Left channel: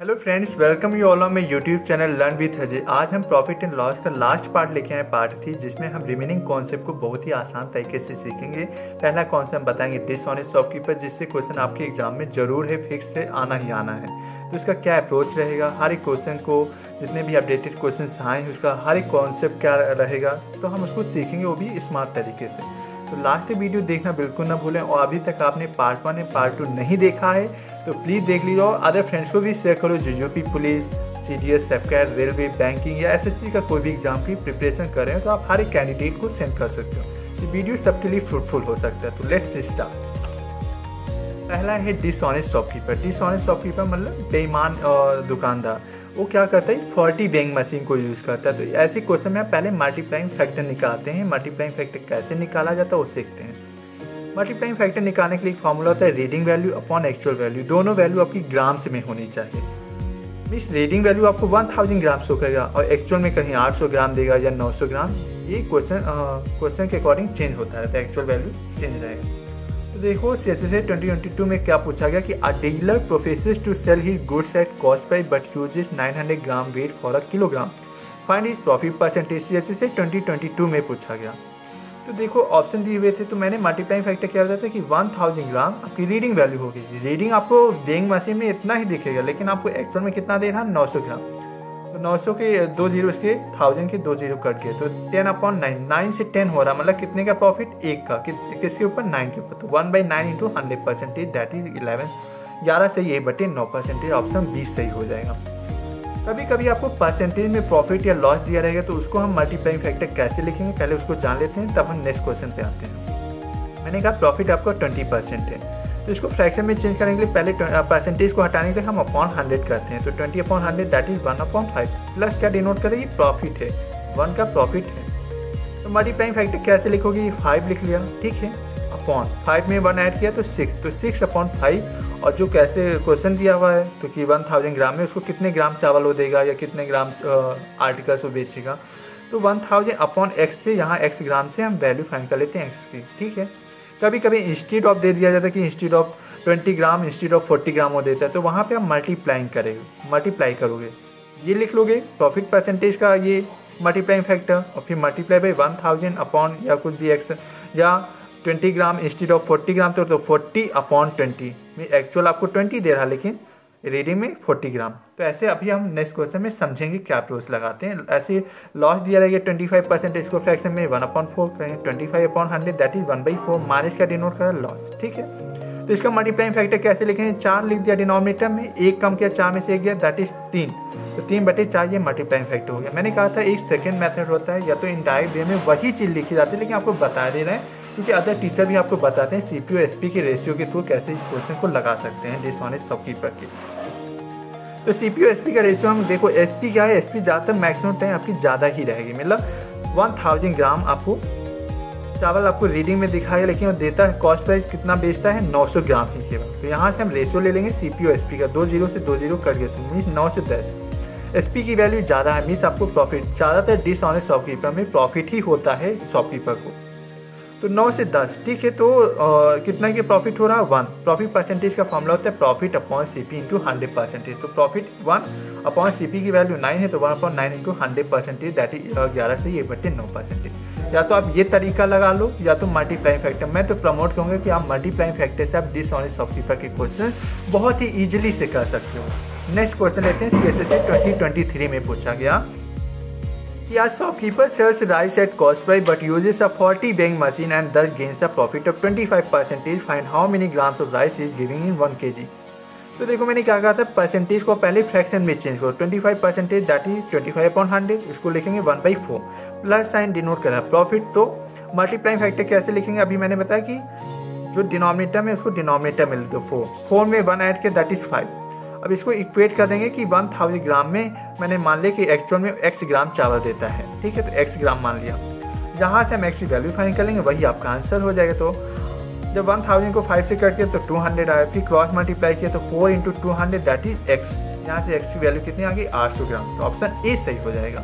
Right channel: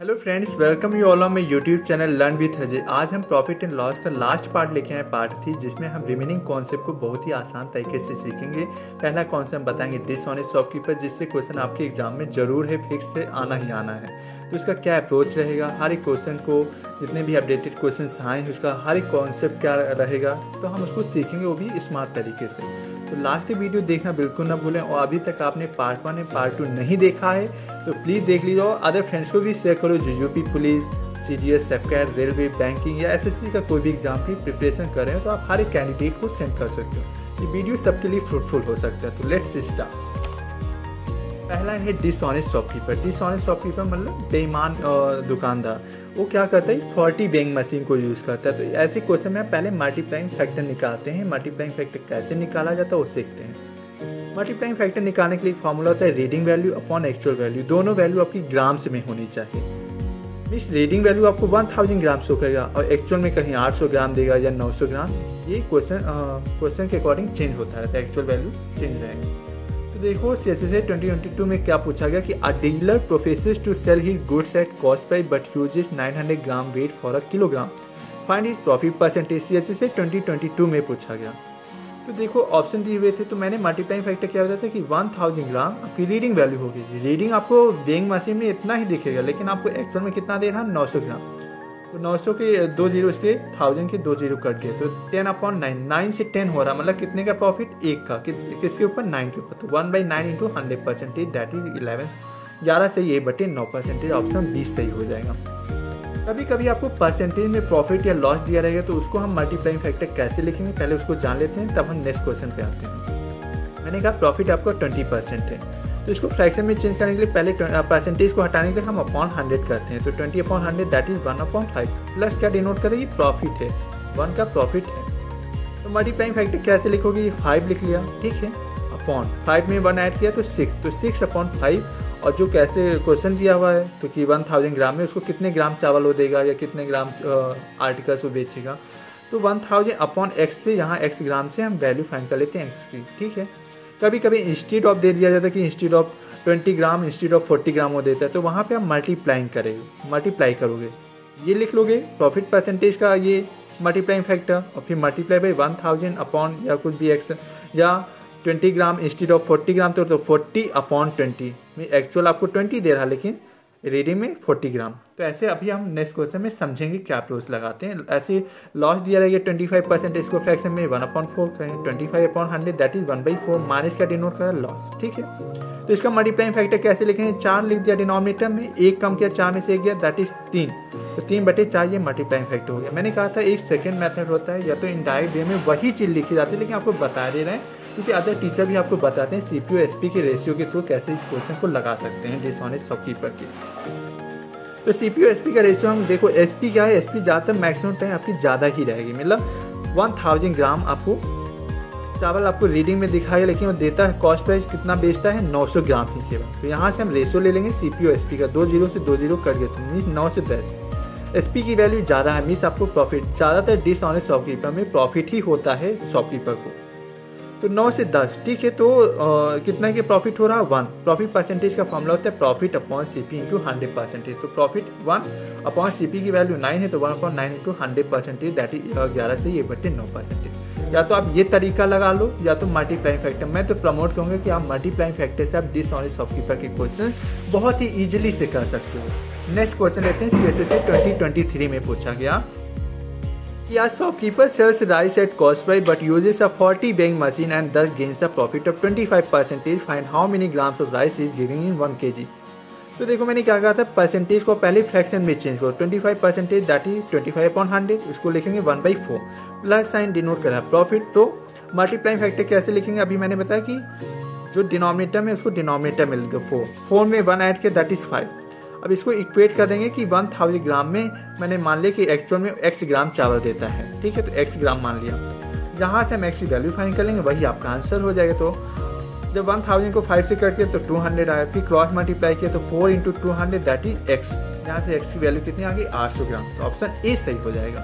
Hello friends, welcome you all on my YouTube channel learn with Ajay. आज हम profit and loss का last part लेके आए, part 3, जिसमें हम रिमेनिंग कॉन्सेप्ट को बहुत ही आसान तरीके से सीखेंगे। पहला कॉन्सेप्ट हम बताएंगे डिसऑनेस्ट शॉपकीपर, जिससे क्वेश्चन आपके एग्जाम में जरूर है, फिक्स से आना ही आना है। तो उसका क्या अप्रोच रहेगा, हर एक क्वेश्चन को, जितने भी अपडेटेड क्वेश्चन आए हैं उसका हर एक कॉन्सेप्ट क्या रहेगा, तो हम उसको सीखेंगे, वो भी स्मार्ट तरीके से। तो लास्ट वीडियो देखना बिल्कुल ना भूलें, और अभी तक आपने पार्ट 1 एंड पार्ट 2 नहीं देखा है तो प्लीज़ देख लीजिए, और अदर फ्रेंड्स को भी शेयर करो जो यूपी पुलिस, सीडीएस, सेफकेट, रेलवे, बैंकिंग या एसएससी का कोई भी एग्जाम की प्रिपरेशन कर रहे हैं तो आप हर एक कैंडिडेट को सेंड कर सकते हो। ये वीडियो सबके लिए फ्रूटफुल हो सकता है। तो लेट्स स्टार्ट। पहला है डिसऑनेस्ट शॉपकीपर। डिसऑनेस्ट शॉपकीपर मतलब बेईमान दुकानदार। वो क्या करता है, 40 वेइंग मशीन को यूज़ करता है। तो ऐसे क्वेश्चन में पहले मल्टीप्लाइंग फैक्टर निकालते हैं। मल्टीप्लाइंग फैक्टर कैसे निकाला जाता है वो सीखते हैं। मल्टीप्लाइंग फैक्टर निकालने के लिए फॉर्मूला होता है reading value upon actual value. दोनों वैल्यू आपकी ग्राम्स में होनी चाहिए। मीन्स रीडिंग वैल्यू आपको 1000 ग्राम शो करेगा और एक्चुअल में कहीं 800 ग्राम देगा या 900 ग्राम। ये क्वेश्चन के अकॉर्डिंग चेंज होता है, तो एक्चुअल वैल्यू चेंज रहेगा। तो देखो सीएसएसए 2022 में क्या पूछा गया कि a dealer professes to sell his goods at cost price but uses 900 gram weight for a kilogram, find his profit percentage. CSSA 2022 में पूछा गया। तो देखो ऑप्शन दिए हुए थे, तो मैंने मल्टीप्लाइंग फैक्टर क्या बताया था कि 1000 ग्राम आपकी रीडिंग वैल्यू होगी। रीडिंग आपको वेइंग मशीन में इतना ही दिखेगा, लेकिन आपको एक्चुअल में कितना दे रहा है, 900 ग्राम। तो 900 के 2 जीरो, इसके 1000 के 2 जीरो कट गए, तो 10/9, 9 से 10 हो रहा, मतलब कितने का प्रॉफिट, 1 का, किसके ऊपर, 9 के ऊपर। तो 1/9 इंटू 100% दैट इज 11 सही है बटे 9%। ऑप्शन 20 सही हो जाएगा। कभी कभी आपको परसेंटेज में प्रॉफिट या लॉस दिया रहेगा, तो उसको हम मल्टीप्लाइंग फैक्टर कैसे लिखेंगे पहले उसको जान लेते हैं, तब हम नेक्स्ट क्वेश्चन पे आते हैं। मैंने कहा प्रॉफिट आपका 20% है, तो इसको फ्रैक्शन में चेंज करने के लिए पहले परसेंटेज को हटाने के लिए हम अपॉन 100 करते हैं। तो 20/100 दैट इज 1/5 प्लस क्या डिनोट करें, ये प्रॉफिट है, 1 का प्रॉफिट है। तो मल्टीप्लाइंग फैक्टर कैसे लिखोगे, ये 5 लिख लिया, ठीक है, अपॉन 5 में 1 ऐड किया तो 6, तो 6/5। और जो कैसे क्वेश्चन दिया हुआ है, तो कि 1000 ग्राम में उसको कितने ग्राम चावल वो देगा या कितने ग्राम आर्टिकल्स वो बेचेगा, तो 1000/x से, यहाँ x ग्राम से हम वैल्यू फाइंड कर लेते हैं x की, ठीक है। कभी कभी इंस्टीड ऑफ दे दिया जाता है कि instead of 20 gram instead of 40 ग्राम वो देता है, तो वहाँ पे आप मल्टीप्लाई करोगे, ये लिख लोगे प्रॉफिट परसेंटेज का ये मल्टीप्लाइंग फैक्टर, और फिर मल्टीप्लाई बाई 1000 अपॉन या कुछ भी x, या 20 ग्राम इंस्टीड ऑफ 40 ग्राम, तो 40/20 में एक्चुअल आपको 20 दे रहा, लेकिन रीडिंग में 40 ग्राम। तो ऐसे अभी हम नेक्स्ट क्वेश्चन में समझेंगे क्या अप्रोच लगाते हैं। ऐसे लॉस दिया रहेगा 25%, इसको फ्रैक्शन में 1/4 करेंगे, 25/100 दैट इज 1/4, माइनस का डिनोट करा लॉस, ठीक है। तो इसका मल्टीप्लाइंग फैक्टर कैसे लिखेंगे, 4 लिख दिया डिनोमिनेटर में, 1 कम किया, 4 में से 1 गया दैट इज 3, तो 3/4 ये मल्टीप्लाइंग फैक्टर हो गया। मैंने कहा था एक सेकेंड मेथड होता है, या तो इनडायरेक्ट वे में वही चीज़ लिखी जाती है, लेकिन आपको बता दे रहे हैं क्योंकि अदर टीचर भी आपको बताते हैं सीपीयू एसपी के रेशियो के थ्रू कैसे इस क्वेश्चन को लगा सकते हैं डिसऑनेस्ट शॉपकीपर के। तो सीपीयू एसपी का रेशियो हम देखो, एसपी क्या है, एसपी ज़्यादातर मैक्सिमम टाइम आपकी ज़्यादा ही रहेगी, मतलब 1000 ग्राम आपको चावल आपको रीडिंग में दिखाएगा, लेकिन वो देता है कॉस्ट प्राइस कितना बेचता है, 900 ग्राम ही केवल। तो यहाँ से हम रेशियो ले लेंगे सीपीयू एसपी का, 2 जीरो से 2 जीरो कट गए, तो मीन्स 9 से 10। एसपी की वैल्यू ज़्यादा है, मीन्स आपको प्रॉफिट, ज़्यादातर डिसऑनेस्ट शॉपकीपर में प्रॉफिट ही होता है शॉपकीपर को। तो 9 से 10, ठीक है। तो कितना के प्रॉफिट हो रहा है, 1। प्रॉफिट परसेंटेज का फॉर्मूला होता है प्रॉफिट अपॉन सीपी इंटू 100%। तो प्रॉफिट 1 अपॉन सीपी की वैल्यू 9 है, तो 1/9 इंटू 100% दैट इज 11 से ये बटे 9%। या तो आप ये तरीका लगा लो, या तो मल्टीप्लाइंग फैक्टर। मैं तो प्रमोट करूँगा कि आप मल्टीप्लाइंग फैक्टर से आप डिसऑनेस्ट शॉपकीपर के क्वेश्चन बहुत ही ईजिली से कर सकते हो। नेक्स्ट क्वेश्चन लेते हैं, सीएसएसए 2023 में पूछा गया कि a shopkeeper sells rice at cost price but uses a 40 weighing machine and thus gains a profit of 25%. Find how many grams of rice is giving in 1 kg. तो देखो मैंने क्या कहा था, परसेंटेज को पहले फ्रैक्शन में चेंज करो, 25% दैट इज 25/100, इसको लिखेंगे 1/4 प्लस साइन डिनोट करा प्रॉफिट। तो मल्टीप्लाइंग फैक्टर कैसे लिखेंगे, अभी मैंने बताया कि जो डिनोमिनेटर में उसको डिनोमिनेटर में लिख दो, 4 में 1 ऐड किया दैट इज 5। अब इसको इक्वेट कर देंगे कि 1000 ग्राम में मैंने मान लिया कि एक्चुअल में x ग्राम चावल देता है, ठीक है, तो x ग्राम मान लिया। जहाँ से हम x की वैल्यू फाइंड कर लेंगे वही आपका आंसर हो जाएगा। तो जब 1000 को 5 से कट किया तो 200 आया, फिर क्रॉस मल्टीप्लाई किया तो 4 इंटू 200 दैट इज x, यहाँ से x की वैल्यू कितनी आ गई, 800 ग्राम। तो ऑप्शन ए सही हो जाएगा।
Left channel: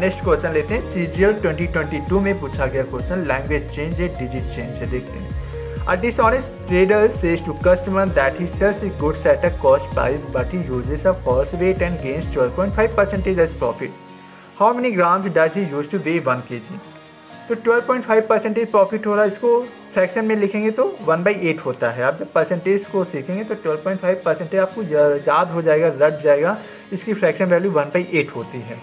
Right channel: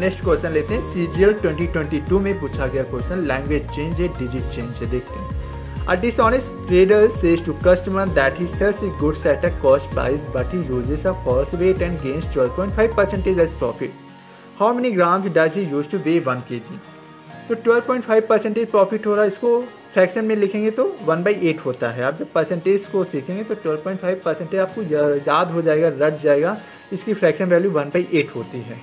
नेक्स्ट क्वेश्चन लेते हैं, CGL 2022 में पूछा गया क्वेश्चन, लैंग्वेज चेंज है, डिजिट चेंज है, देखते हैं। A dishonest trader says to customer that he sells his goods at a cost price but he uses a false weight and gains 12.5% as profit. How many grams does he use to weigh 1 kg? तो 12.5% profit हो रहा है, इसको fraction में लिखेंगे तो 1/8 होता है। आप जब परसेंटेज को सीखेंगे तो 12.5% आपको याद हो जाएगा, रट जाएगा, इसकी फ्रैक्शन वैल्यू 1/8 होती है।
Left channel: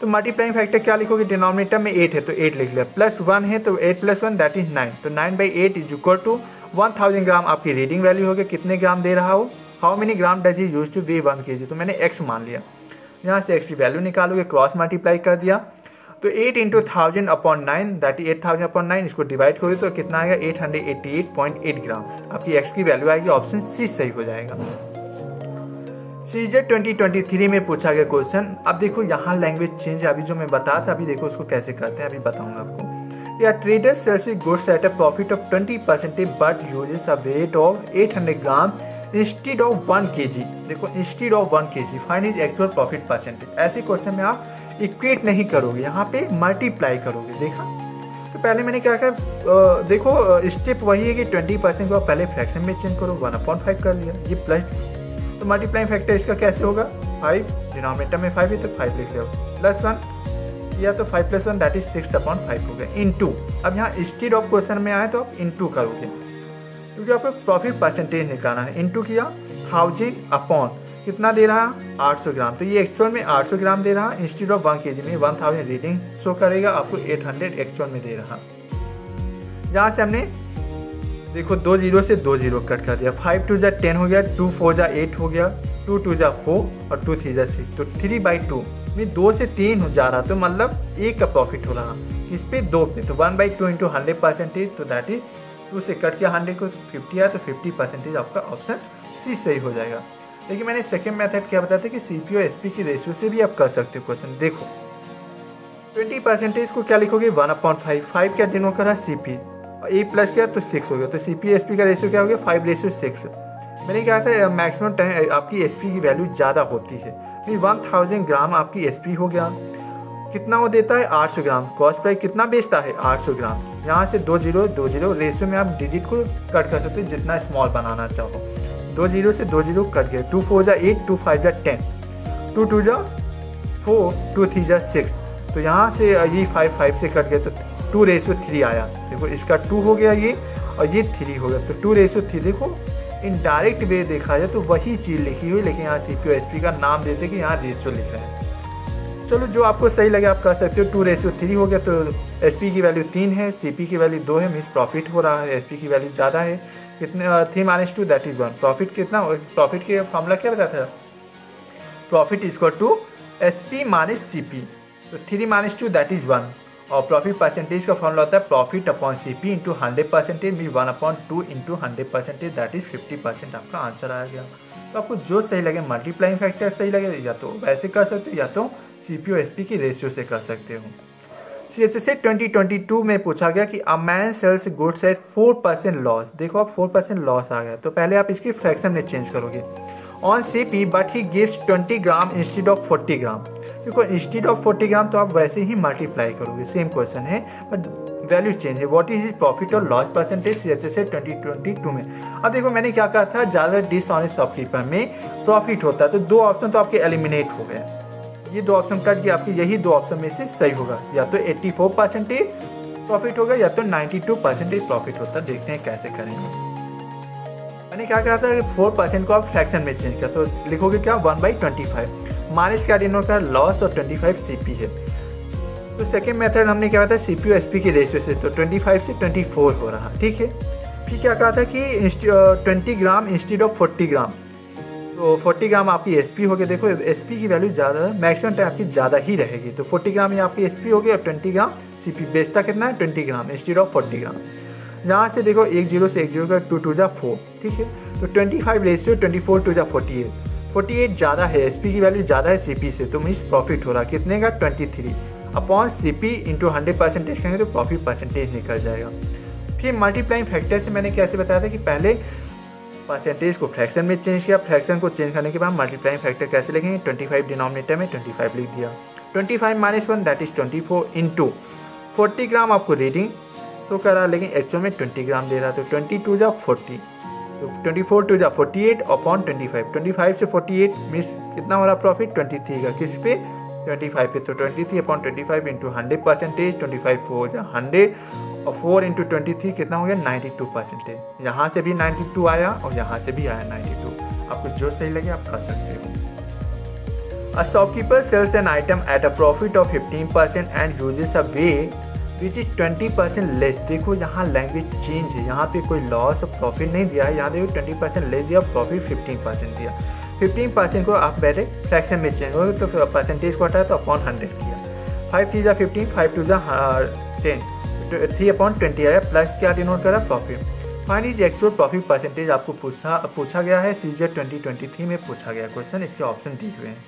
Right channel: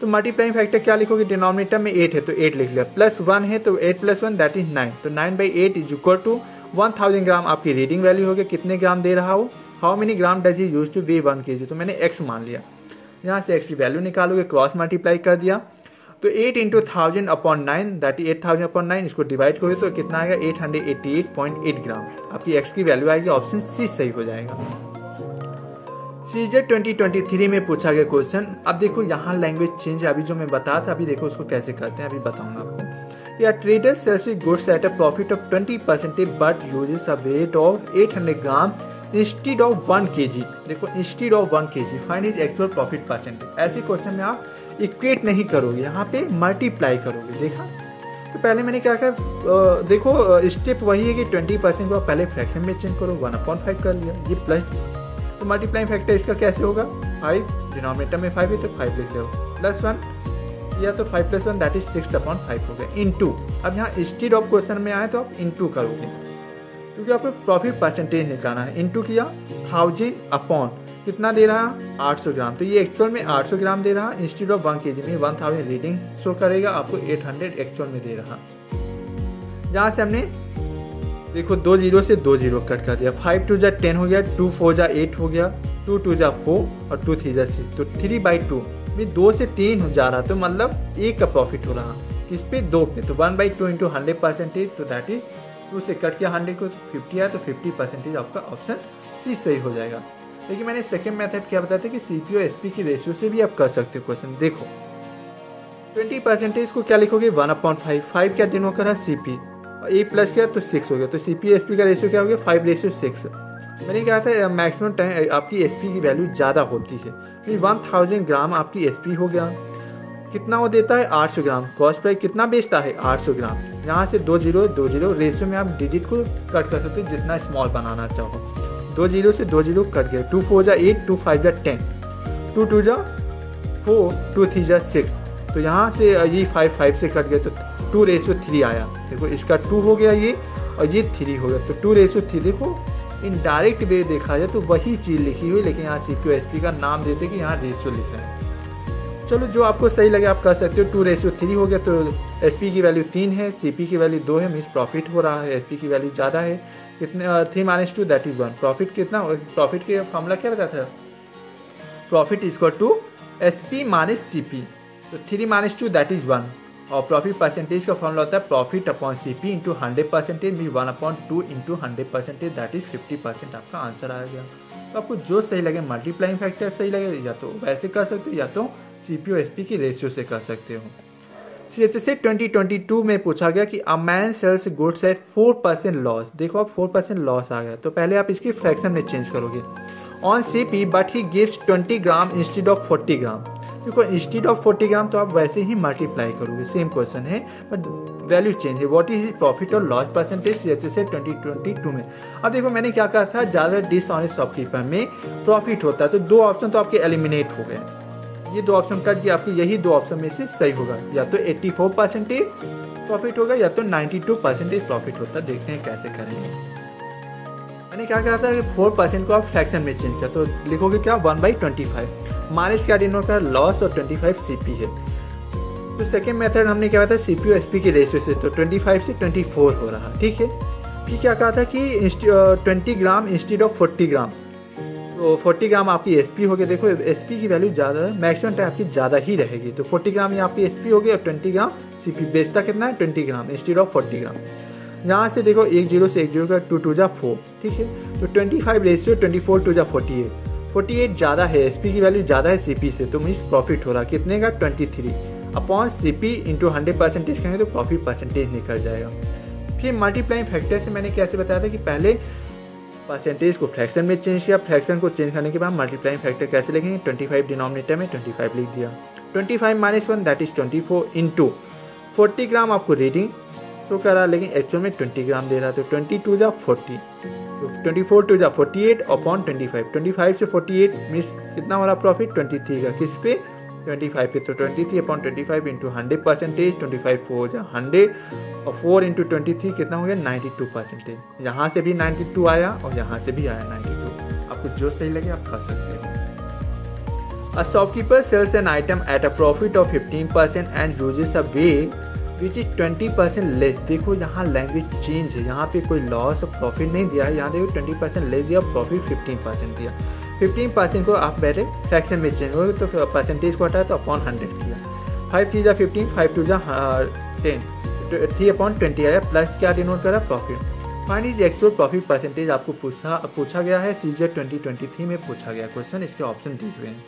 तो मल्टीप्लाइंग फैक्टर क्या लिखोगे, डिनोमिनेटर में 8 है तो 8 लिख लिया, +1 है तो 8 + 1 दैट इज 9, तो 9/8 इज इक्वल टू 1000 ग्राम आपकी रीडिंग वैल्यू हो गया, कितने ग्राम दे रहा हो, how many gram does he use two way 1 kg, तो मैंने x मान लिया, यहाँ से x की वैल्यू निकालोगे, क्रॉस मल्टीप्लाई कर दिया, तो 8 × 1000/9 दैट इज 8000/9, इसको डिवाइड करोगे तो कितना आएगा 888.8 ग्राम, आपकी x की वैल्यू आएगी, ऑप्शन सी सही हो जाएगा। सीजेट 2023 में पूछा गया क्वेश्चन। अब देखो यहाँ लैंग्वेज चेंज, अभी जो मैं बताया था, अभी देखो उसको कैसे करते हैं, अभी बताऊंगा आपको। या trader sells goods at a profit of 20% but uses a weight of 800 gram instead of 1 kg। देखो instead of 1 kg find is actual profit percentage. ऐसे क्वेश्चन में आप इक्वेट नहीं करोगे, यहाँ पे मल्टीप्लाई करोगे। देखा, तो पहले मैंने क्या कहा, देखो स्टेप वही है कि 20% को पहले फ्रैक्शन में चेंज करो, 1/5 कर लिया, ये प्लस, तो मल्टीप्लाइंग फैक्टर इसका कैसे होगा, 5, डिनोमिनेटर में 5 है तो 5 लिख लो, +1 या तो 5 + 1 दैट इज 6/5 हो गया, इनटू। अब यहाँ इंस्टीड ऑफ क्वेश्चन में आए तो आप इनटू करोगे, क्योंकि आपको प्रॉफिट परसेंटेज निकालना है। इनटू किया 1000 अपॉन कितना दे रहा, 800 ग्राम, तो ये एक्चुअल में 800 ग्राम दे रहा, इंस्टीड ऑफ 1 kg में 1000 रीडिंग शो करेगा, आपको 800 एक्चुअल में दे रहा। यहाँ से हमने देखो 2 0 से 2 0 कट कर दिया, 5 2 = 10 हो गया, 2 4 = 8 हो गया, 2 2 = 4 और 2 3 = 6, तो 3/2 में 2 से 3 हो जा रहा, तो मतलब 1 का प्रॉफिट हो रहा, इस पे 2 पे, तो 1/2 × 100%, तो दैट इज 2 से कट किया 100 को 50 आया, तो 50% आपका ऑप्शन सी सही हो जाएगा। लेकिन मैंने सेकेंड मेथड क्या बताया था कि सीपी और एसपी की रेशियो से भी आप कर सकते हो क्वेश्चन। देखो 20% को क्या लिखोगे, 1/5, 5 क्या डिनोट करा, सीपी, ए प्लस किया तो 6 हो गया, तो सीपी एसपी का रेशियो क्या हो गया, 5:6। मैंने कहा था मैक्सिमम टाइम आपकी एसपी की वैल्यू ज़्यादा होती है, 1000 ग्राम आपकी एसपी हो गया, कितना वो देता है 800 ग्राम, कॉस्ट प्राइस कितना बेचता है 800 ग्राम। यहाँ से 2 0 2 0 रेशियो में आप डिजिट को कट कर सकते हो जितना स्मॉल बनाना चाहो, 2 0 से 2 0 कट गए, 2 4 = 8, 2 5 = 10, 2 2 = 4, 2 3 = 6, तो यहाँ से ये 5 से कट गए तो 2:3 आया। देखो इसका 2 हो गया ये, और ये 3 हो गया, तो 2:3। देखो इनडायरेक्ट वे देखा जाए तो वही चीज़ लिखी हुई, लेकिन यहाँ सीपी और एसपी का नाम देते कि यहाँ रेशियो लिख रहा है। चलो जो आपको सही लगे आप कर सकते हो। 2:3 हो गया, तो एसपी की वैल्यू 3 है, सीपी की वैल्यू 2 है, मीन्स प्रॉफिट हो रहा है, एसपी की वैल्यू ज़्यादा है, कितने 3 - 2 दैट इज 1। प्रॉफिट कितना, प्रॉफिट के फॉर्मूला क्या बताया था, profit is equal to SP - CP, तो 3 - 2 दैट इज 1। और प्रॉफिट परसेंटेज का फॉर्मूला होता है प्रॉफिट अपॉन सीपी इंटू 100%, भी 1/2 इंटू 100% दैट इज 50%, आपका आंसर आ गया। तो आपको जो सही लगे, मल्टीप्लाइंग फैक्टर सही लगे, या तो वैसे कर सकते हो या तो सीपी और एसपी की रेशियो से कर सकते हो। सीएचएसए 2022 में पूछा गया कि a man sells goods at 4% loss. देखो अब 4% लॉस आ गया, तो पहले आप इसकी फ्रैक्शन में चेंज करोगे, on CP but he gives 20 gram instead of 40 ग्राम। देखो इंस्टीड ऑफ 40 ग्राम तो आप वैसे ही मल्टीप्लाई करोगे, सेम क्वेश्चन है बट वैल्यू चेंज है। व्हाट इज प्रॉफिट और लॉस परसेंटेज सीएचएसए 2022 में। अब देखो मैंने क्या कहा था, ज़्यादा डिसऑनेस्ट शॉपकीपर में प्रॉफिट होता है, तो 2 ऑप्शन तो आपके एलिमिनेट हो गए, ये 2 ऑप्शन कट गया, आपके यही 2 ऑप्शन में से सही होगा, या तो 84% प्रॉफिट होगा या तो 92% प्रॉफिट होता। देखते हैं कैसे करेंगे। मैंने क्या कहा था, 4% को आप फ्रैक्शन में चेंज किया, तो लिखोगे क्या 1/25, माइनस क्या डिनोट कर लॉस, और 25 सीपी है। तो सेकेंड मेथड हमने क्या था, सीपी और एसपी की रेशियो से, तो 25 से 24 हो रहा, ठीक है। फिर क्या कहा था कि 20 ग्राम इंस्टीड ऑफ 40 ग्राम, तो 40 ग्राम आपकी एसपी हो गई। देखो एसपी की वैल्यू ज़्यादा, मैक्सिमम टाइम आपकी ज़्यादा ही रहेगी, तो 40 ग्राम ये आपकी एसपी हो गई, और 20 ग्राम सीपी। बेचता कितना है 20 ग्राम इंस्टीड ऑफ 40 ग्राम। यहाँ से देखो 1 0 से 1 0 का 2 2 = 4, ठीक है, तो 25 रेशियो 24 2 = 48, 48 ज़्यादा है, एसपी की वैल्यू ज़्यादा है सीपी से, तो मीन्स प्रॉफिट हो रहा कितने का 23 अपॉन सीपी इंटू 100% करेंगे तो प्रॉफिट परसेंटेज निकल जाएगा। फिर मल्टीप्लाइंग फैक्टर से मैंने कैसे बताया था कि पहले परसेंटेज को फ्रैक्शन में चेंज किया, फ्रैक्शन को चेंज करने के बाद मल्टीप्लाइंग फैक्टर कैसे लिखेंगे, 25 डिनोमिनेटर में 25 लिख दिया, 25 - 1 दैट इज 24 इंटू 40 ग्राम आपको रीडिंग शो कर रहा है, लेकिन एक्चुअल में 20 ग्राम दे रहा है। तो 22 जा 40, तो 24 2 जा 48 अपॉन 25, 25 से 48 मीन्स कितना हो रहा प्रॉफिट 23 का, किस पे 25 पे। तो 23 अपॉन 25 इंटू 100%, 25 4 जा 100 और 4 इंटू 23 कितना हो गया 92%। यहाँ से भी 92 आया और यहाँ से भी आया 92। आपको जो सही लगे आप कर सकते हो। A shopkeeper sells an item at a profit of 15% and uses a weight which is 20% less। देखो यहाँ लैंग्वेज चेंज है, यहाँ पे कोई लॉस और प्रॉफिट नहीं दिया है, यहाँ देखो 20% लेस दिया, प्रॉफिट 15% दिया। 15% को आप पहले फ्रैक्शन में चेंज हो तो परसेंटेज को हटाया तो अपॉन 100 किया। 5 3 जा 15, 5 2 जा 10, 3 अपॉन 20 आया, प्लस क्या डिनोट करा profit. Find is actual profit percentage आपको पूछा गया है, सीजीएल 2023 में पूछा गया क्वेश्चन। इसके ऑप्शन दिए हुए हैं।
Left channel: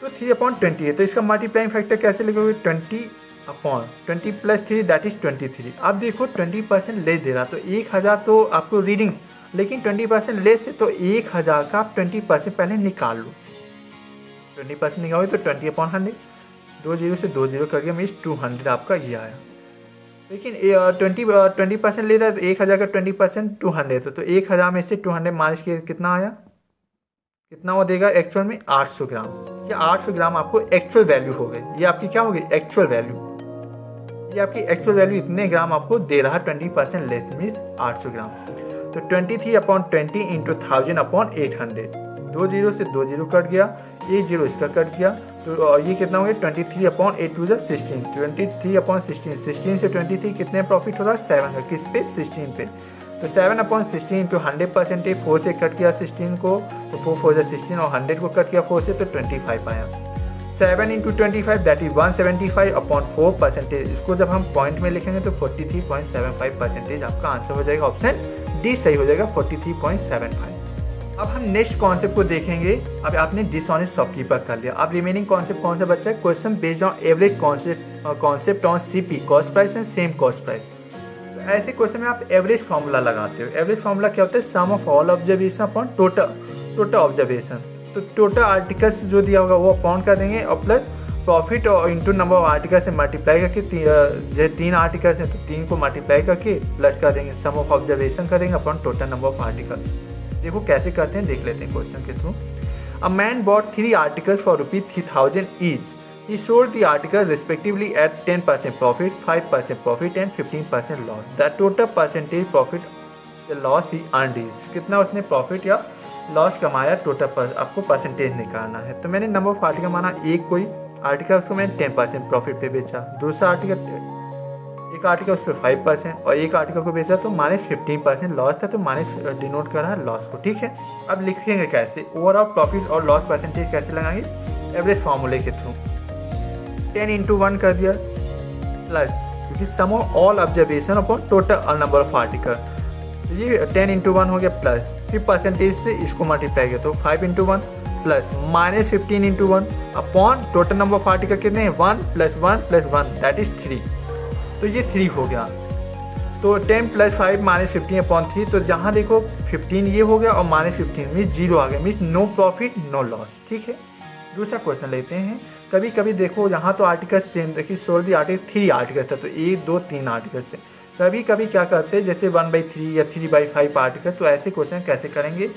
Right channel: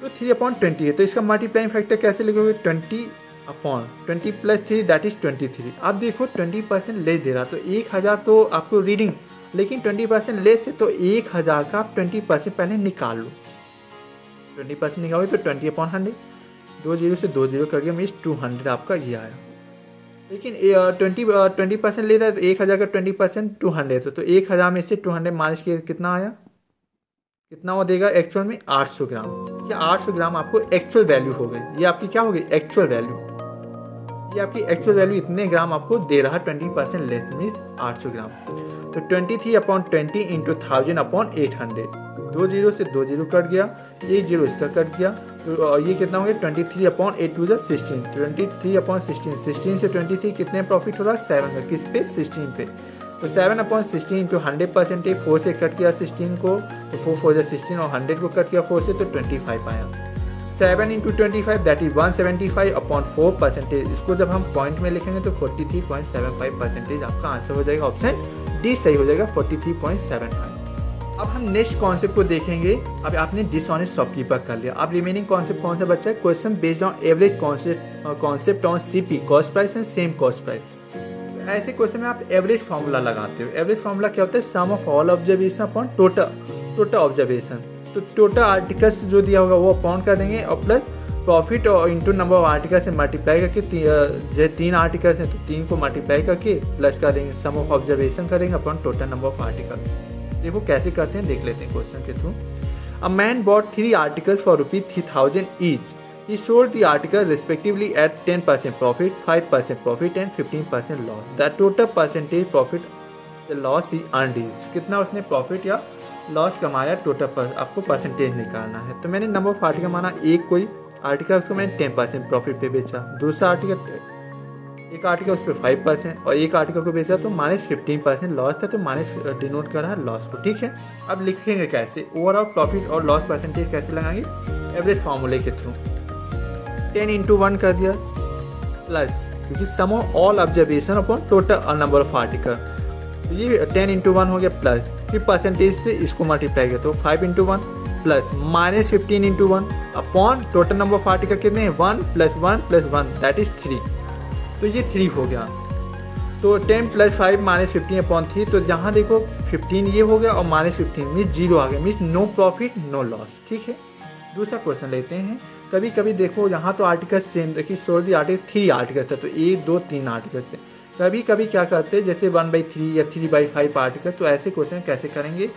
तो 3 अपॉन 20 है, तो इसका मल्टीप्लाइंग फैक्टर कैसे लिखोगे 20 अपॉन 20 प्लस 3 दैट इज 23। अब देखो 20% लेस दे रहा, तो 1000 तो आपको रीडिंग, लेकिन 20% लेस है तो 1000 का आप 20% पहले निकाल लो। 20% निकालोगे तो 20 अपॉन 100, 2 0 से 2 0 करके मीन्स 200 आपका ये आया। लेकिन 20% ले रहा है तो 1000 का 20% 200 तो 1000 में से 200 माइनस किया कितना आया, कितना वो देगा एक्चुअल में 800 ग्राम। ये 800 ग्राम आपको एक्चुअल वैल्यू हो गई, ये आपकी क्या होगी एक्चुअल वैल्यू। ये आपकी एक्चुअल वैल्यू इतने ग्राम आपको दे रहा है 20% लेस मीन्स 800 ग्राम। तो 23 अपॉन 20 इंटू 1000 अपॉन 800, 2 0 से 2 0 कट गया, 1 0 इसका कट गया, तो ये कितना हो गया 23 अपॉन 8 2 16, 23 अपॉन 16, 16 से 23 कितने प्रॉफिट हो रहा है 7 का, किस पे 16 पे। तो 7 अपॉन 16 इंटू 100%, 4 से कट किया 16 को तो 4 4 16 और 100 को कट किया 4 से तो 25 आया। 7 इंटू 25 दैट इज 175 अपॉन 4%। इसको जब हम पॉइंट में लिखेंगे तो 43.75% आपका आंसर हो जाएगा, ऑप्शन डी सही हो जाएगा 43.75। अब हम नेक्स्ट कॉन्सेप्ट को देखेंगे। अब आपने डिसऑनेस्ट शॉपकीपर कर लिया, अब रिमेनिंग कॉन्सेप्ट कौन सा बचा है, question based on average concept on CP cost price and same cost price. ऐसे क्वेश्चन में आप एवरेज फॉर्मूला लगाते हो। एवरेज फॉर्मूला क्या होता है, sum of all observation upon total observation. तो टोटल आर्टिकल्स जो दिया होगा वो अपॉन कर देंगे और प्लस प्रॉफिट और इंटू नंबर ऑफ आर्टिकल से मल्टीप्लाई करके, जैसे 3 आर्टिकल्स हैं तो 3 को मल्टीप्लाई करके प्लस कर देंगे, सम ऑफ ऑब्जर्वेशन करेंगे upon total number of articles. देखो कैसे करते हैं, देख लेते हैं क्वेश्चन के through. A man bot 3 articles for ₹3000 each. He sold the articles respectively at 10% profit, 5% profit and 15% loss. The total percentage profit, the loss he earned is, कितना उसने प्रॉफिट या लॉस कमाया, टोटल आपको परसेंटेज निकालना है। तो मैंने नंबर ऑफ आर्टिकल माना, एक कोई आर्टिकल उसको मैंने 10% प्रॉफिट पे बेचा, दूसरा आर्टिकल एक आर्टिकल उस पर 5% और एक आर्टिकल को बेचा तो -15% लॉस था, तो माइनस डिनोट कर रहा है लॉस को। ठीक है, अब लिखेंगे कैसे, ओवरऑल प्रॉफिट और लॉस परसेंटेज कैसे लगाएंगे, एवरेज फॉर्मूले के थ्रू। 10 इंटू 1 कर दिया प्लस, क्योंकि sum of all observation upon total number of article, तो ये 10 इंटू 1 हो गया प्लस, फिर परसेंटेज से इसको मल्टीप्लाई किया तो 5 into 1 plus -15 into 1 upon total number of article कितने हैं 1 + 1 + 1 दैट इज 3। तो ये 3 हो गया, तो 10 + 5 -15 अपॉन 3। तो जहाँ देखो 15 ये हो गया और -15 मीन्स 0 आ गया, means no profit no loss. ठीक है, दूसरा क्वेश्चन लेते हैं। कभी कभी देखो यहाँ तो आर्टिकल सेम, देखिए सोल्ड दी आर्टिकल 3 आर्टिकल था, तो 1 2 3 आर्टिकल थे। कभी कभी क्या करते हैं जैसे 1/3 या 3/5 आर्टिकल, तो ऐसे क्वेश्चन कैसे करेंगे,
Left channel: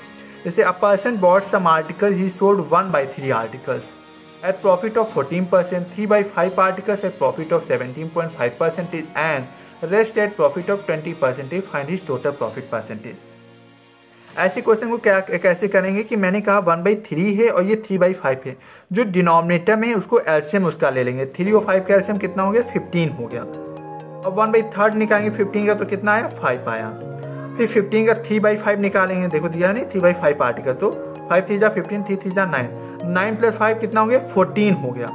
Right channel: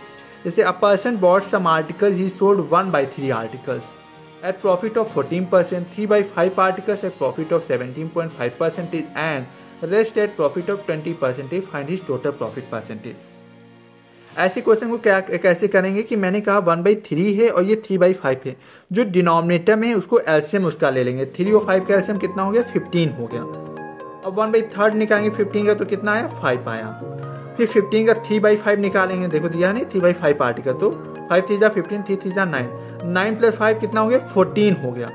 जैसे a person bought some article he sold 1/3 articles at profit of 14%, 3/5 articles at profit of 17.5% and rest at profit of 20%, find his total profit percentage. ऐसे क्वेश्चन को क्या कैसे करेंगे कि मैंने कहा 1/3 है और ये 3/5 है, जो डिनोमिनेटर में है उसको एलसीएम उसका ले लेंगे। 3 और 5 का एलसीएम कितना हो गया 15 हो गया। अब 1/3 निकालेंगे 15 का तो कितना आया 5 आया। फिर 15 का 3/5 निकालेंगे, देखो दिया नहीं 3/5 आर्टिकल, तो 5 3 जा 15, 3 3 जा 9, 9 + 5 कितना हो गया 14 हो गया।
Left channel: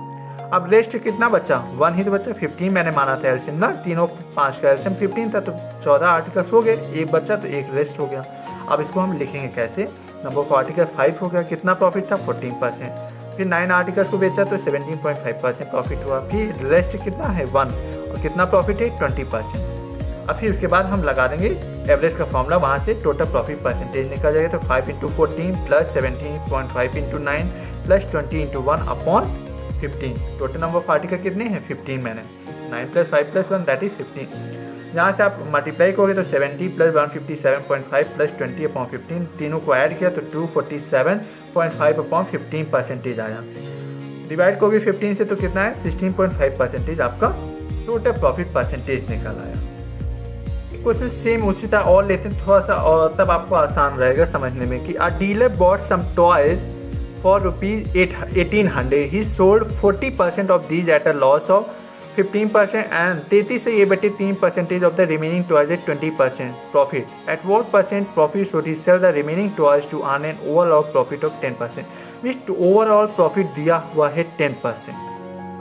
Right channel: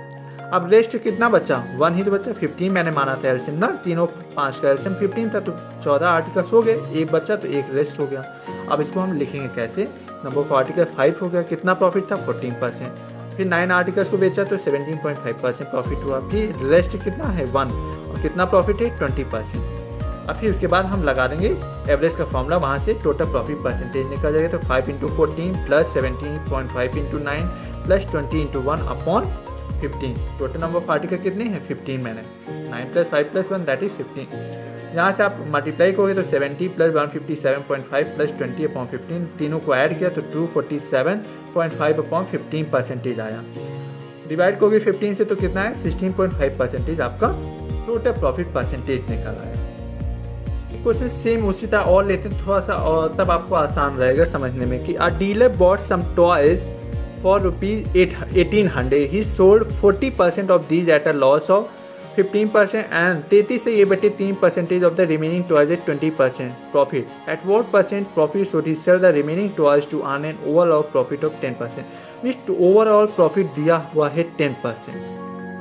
अब रेस्ट कितना बचा 1 ही तो बचा, 15 मैंने माना था एलसीएम ना, 3 और 5 का एलसीएम 15 था, तो 14 आर्टिकल्स हो गए, एक बचा तो एक रेस्ट हो गया। अब इसको हम लिखेंगे कैसे, नंबर ऑफ आर्टिकल 5 हो गया, कितना प्रॉफिट था 14%, फिर 9 आर्टिकल्स को बेचा तो 17.5% प्रॉफिट हुआ, फिर रेस्ट कितना है 1 और कितना प्रॉफिट है 20%। अब फिर उसके बाद हम लगा देंगे एवरेज का फॉर्मूला, वहाँ से टोटल प्रॉफिट परसेंटेज निकल जाएगा। तो 5 × 14 + 17.5 × 9 + 20 × 1 upon 15। Total number of article कितने हैं 15, मैंने 9 + 5 + 1 दैट इज 15। यहाँ से आप मल्टीप्लाई करोगे तो 70 प्लस 157.5 प्लस 20/15, तीनों को ऐड किया तो 247.5/15% आया। डिवाइड करोगे 15 से तो कितना है 16.5% आपका टोटल प्रॉफिट परसेंटेज निकल आया। क्वेश्चन सेम उसी तरह और लेते हैं थोड़ा सा, और तब आपको आसान रहेगा समझने में कि a dealer bought some toys for ₹1800, he sold 40% of these at a loss of 15% and 33 से 3% of the remaining toys at 20% profit. At what percent profit should he sell the remaining toys to earn an overall profit of 10%। Means overall profit दिया हुआ है 10%।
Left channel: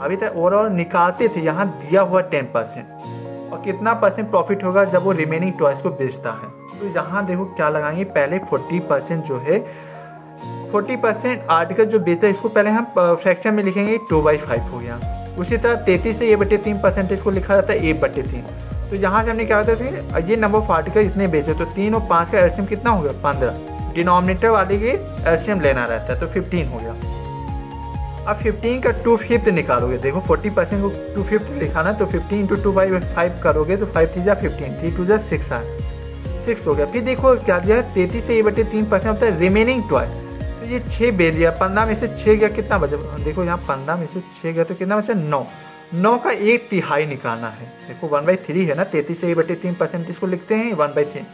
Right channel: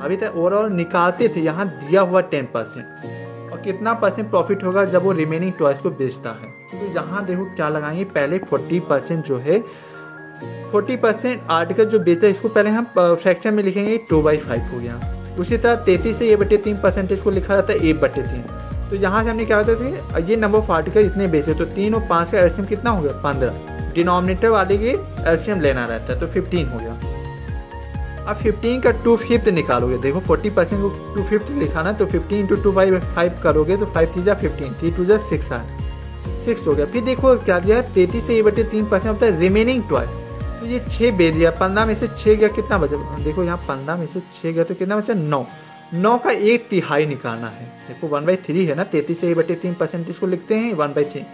अभी तक overall निकालते थे, यहाँ दिया हुआ 10%, और कितना परसेंट प्रॉफिट होगा जब वो रिमेनिंग टॉयज को बेचता है। तो यहाँ देखो क्या लगाएंगे, पहले 40% जो है 40% आर्टिकल जो बेचा इसको पहले हम फ्रैक्शन में लिखेंगे 2/5 हो गया। उसी तरह 33 से 3% को लिखा जाता है 1/3। तो यहाँ से हमने क्या करते थे, ये नंबर ऑफ आर्टिकल इतने बेचे तो 3 और 5 का एलसीएम कितना हो गया 15। डिनोमिनेटर वाले के एलसीएम लेना रहता है तो 15 हो गया। अब 15 का 2/5 निकालोगे, देखो 40% को 2/5 लिखाना तो 15 × 2/5 करोगे तो 5 3 15, 3 2 6 6 हो गया। फिर देखो क्या दिया है 33 से 3% होता है रिमेनिंग टॉय, तो ये 6 बेच दिया, 15 में से 6 गया, कितना बचा, देखो यहाँ 15 में से 6 गया तो कितना बचा 9। 9 का 1/3 निकालना है, देखो 1/3 है ना, 33 से 3% इसको लिखते हैं 1/3,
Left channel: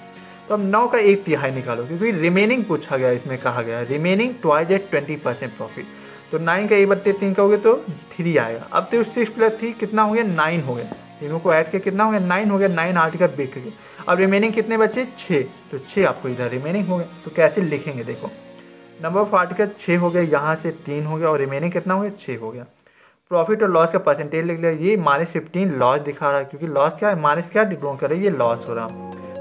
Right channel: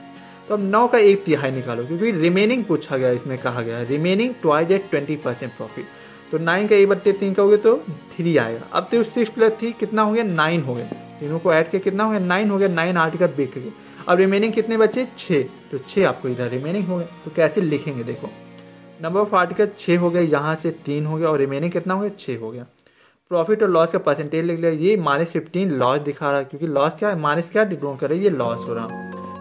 तो अब 9 का 1/3 निकालो क्योंकि रिमेनिंग पूछा गया, इसमें कहा गया रिमेनिंग टॉयज एट 20% प्रॉफिट। तो 9 का 1/3 का हो गया तो 3 आएगा। अब तो 6 + 3 कितना हो गया 9 हो गया, तीनों को ऐड के कितना हो गया 9 हो गया, 9 आर्टिकल बिक गए। अब रिमेनिंग कितने बचे 6, तो 6 आपको इधर रिमेनिंग हो गए। तो कैसे लिखेंगे, देखो नंबर ऑफ आर्टिकल 6 हो गया, यहाँ से 3 हो गया और रिमेनिंग कितना हो गया 6 हो गया। प्रॉफिट और लॉस का परसेंटेज लिख लिया, ये -15 लॉस दिखा रहा है क्योंकि लॉस क्या है, माइनस क्या डिनोट कर रहा है, ये लॉस हो रहा।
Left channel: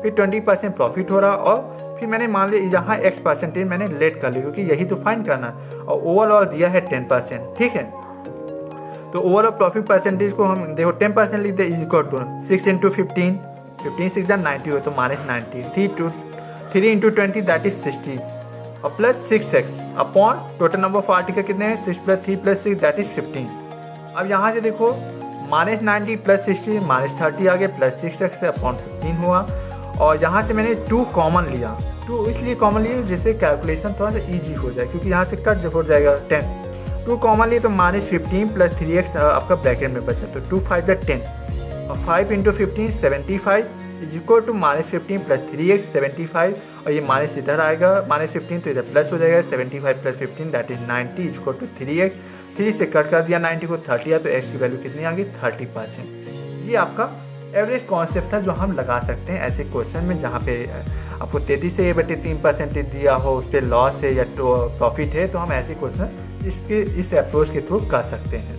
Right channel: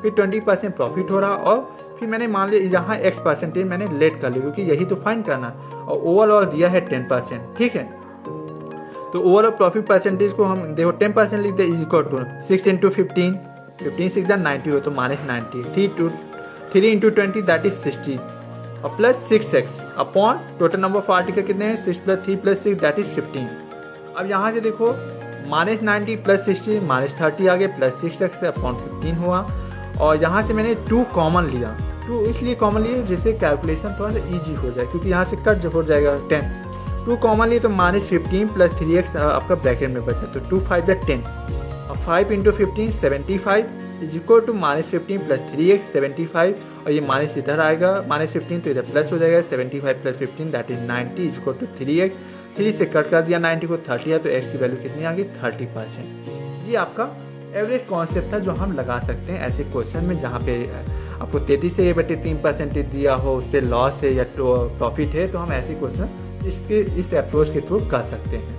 फिर 20% प्रॉफिट हो रहा, और फिर मैंने मान लिया यहाँ X% मैंने लेट कर लिया क्योंकि यही तो फाइंड करना है, और ओवरऑल दिया है 10%, ठीक है। तो ओवरऑल प्रॉफिट परसेंटेज को हम देखो 10% लिखते हैं, इज इक्वल टू 6 × 15, 15 6 90 हो तो -90, 3 × 20 दैट इज 60, और plus 6x upon total number of article कितने हैं 6 + 3 + 6 दैट इज 15। अब यहाँ से देखो -90 + 60 -30 आ गए, प्लस 6x अपॉन 15 हुआ, और यहाँ से मैंने 2 कॉमन लिया, 2 इसलिए कॉमन लिया जिससे कैलकुलेशन थोड़ा सा ईजी हो जाए क्योंकि यहाँ से कट हो जाएगा 10। 2 कॉमन लिए तो -15 + 3x आपका ब्रैकेट में बचा, तो 2 5 = 10, और 5 × 15 75 इज इक्वल टू -15 + 3x 75, और ये माइनस इधर आएगा, -15 तो इधर प्लस हो जाएगा, 75 + 15 that is 90 is equal to 3x, 3 से कट कर दिया 90 को 30 है, तो x की वैल्यू कितनी आ गई 30%। ये आपका एवरेज कॉन्सेप्ट था जो हम लगा सकते हैं ऐसे क्वेश्चन में जहाँ पे आपको 33 से 3% दिया हो, उस पर लॉस है या प्रॉफिट है, तो हम ऐसे क्वेश्चन इस अप्रोच के थ्रू कर सकते हैं।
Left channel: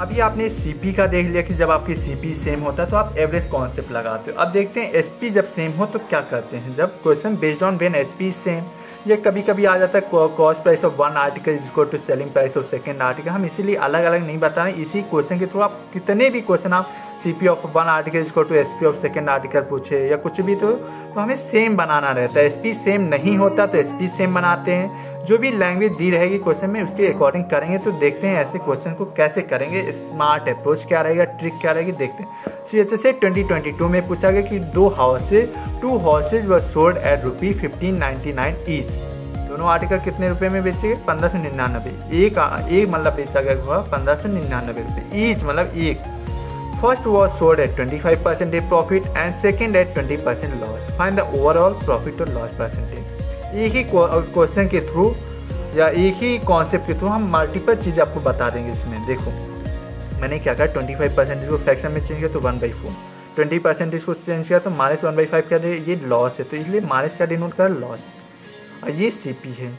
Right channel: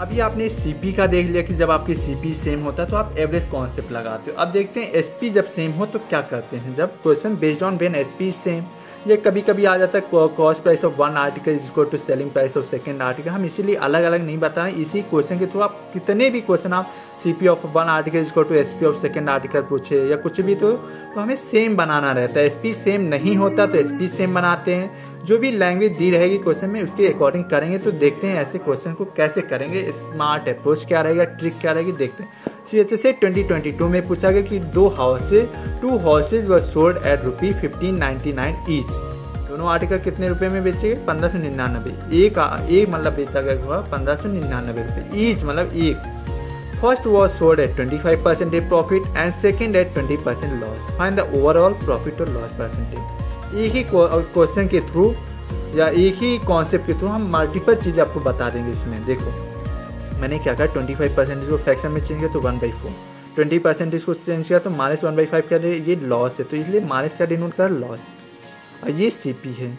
अभी आपने सीपी का देख लिया कि जब आपकी सीपी सेम होता है तो आप एवरेज कॉन्सेप्ट लगाते हो। अब देखते हैं एसपी जब सेम हो तो क्या करते हैं। जब question based on when SP same, ये कभी कभी आ जाता है cost price of one article is equal to selling price of second article. हम इसीलिए अलग अलग नहीं बताएं, इसी क्वेश्चन के थ्रू आप कितने भी क्वेश्चन आप CP of one article is equal to SP of second article पूछे या कुछ भी, तो हमें सेम बनाना रहता है। एसपी सेम नहीं होता तो एसपी सेम बनाते हैं। जो भी लैंग्वेज दी रहेगी क्वेश्चन में उसके अकॉर्डिंग करेंगे। तो देखते हैं ऐसे क्वेश्चन को कैसे करेंगे, स्मार्ट अप्रोच क्या रहेगा, ट्रिक क्या रहेगी, देखते हैं। CSSA 2022 में पूछा गया कि 2 horse's were sold at ₹1599 each. दोनों आर्टिकल कितने रुपए में बेचे गए 1599। एक मतलब बेचा गया हुआ 1599 रुपए ईच, मतलब एक। First was sold at 25% profit and second at 20% loss. Find the overall profit और लॉस परसेंटेज। एक ही क्वेश्चन के थ्रू या एक ही कॉन्सेप्ट के थ्रू हम मल्टीपल चीज़ें आपको बता देंगे। इसमें देखो मैंने क्या कहा, 25% को फ्रैक्शन में चेंज किया तो 1/4, 20% को चेंज किया तो -1/5 क्या है, ये लॉस है तो इसलिए माइनस का डिनोट कर लॉस। और ये सीपी है,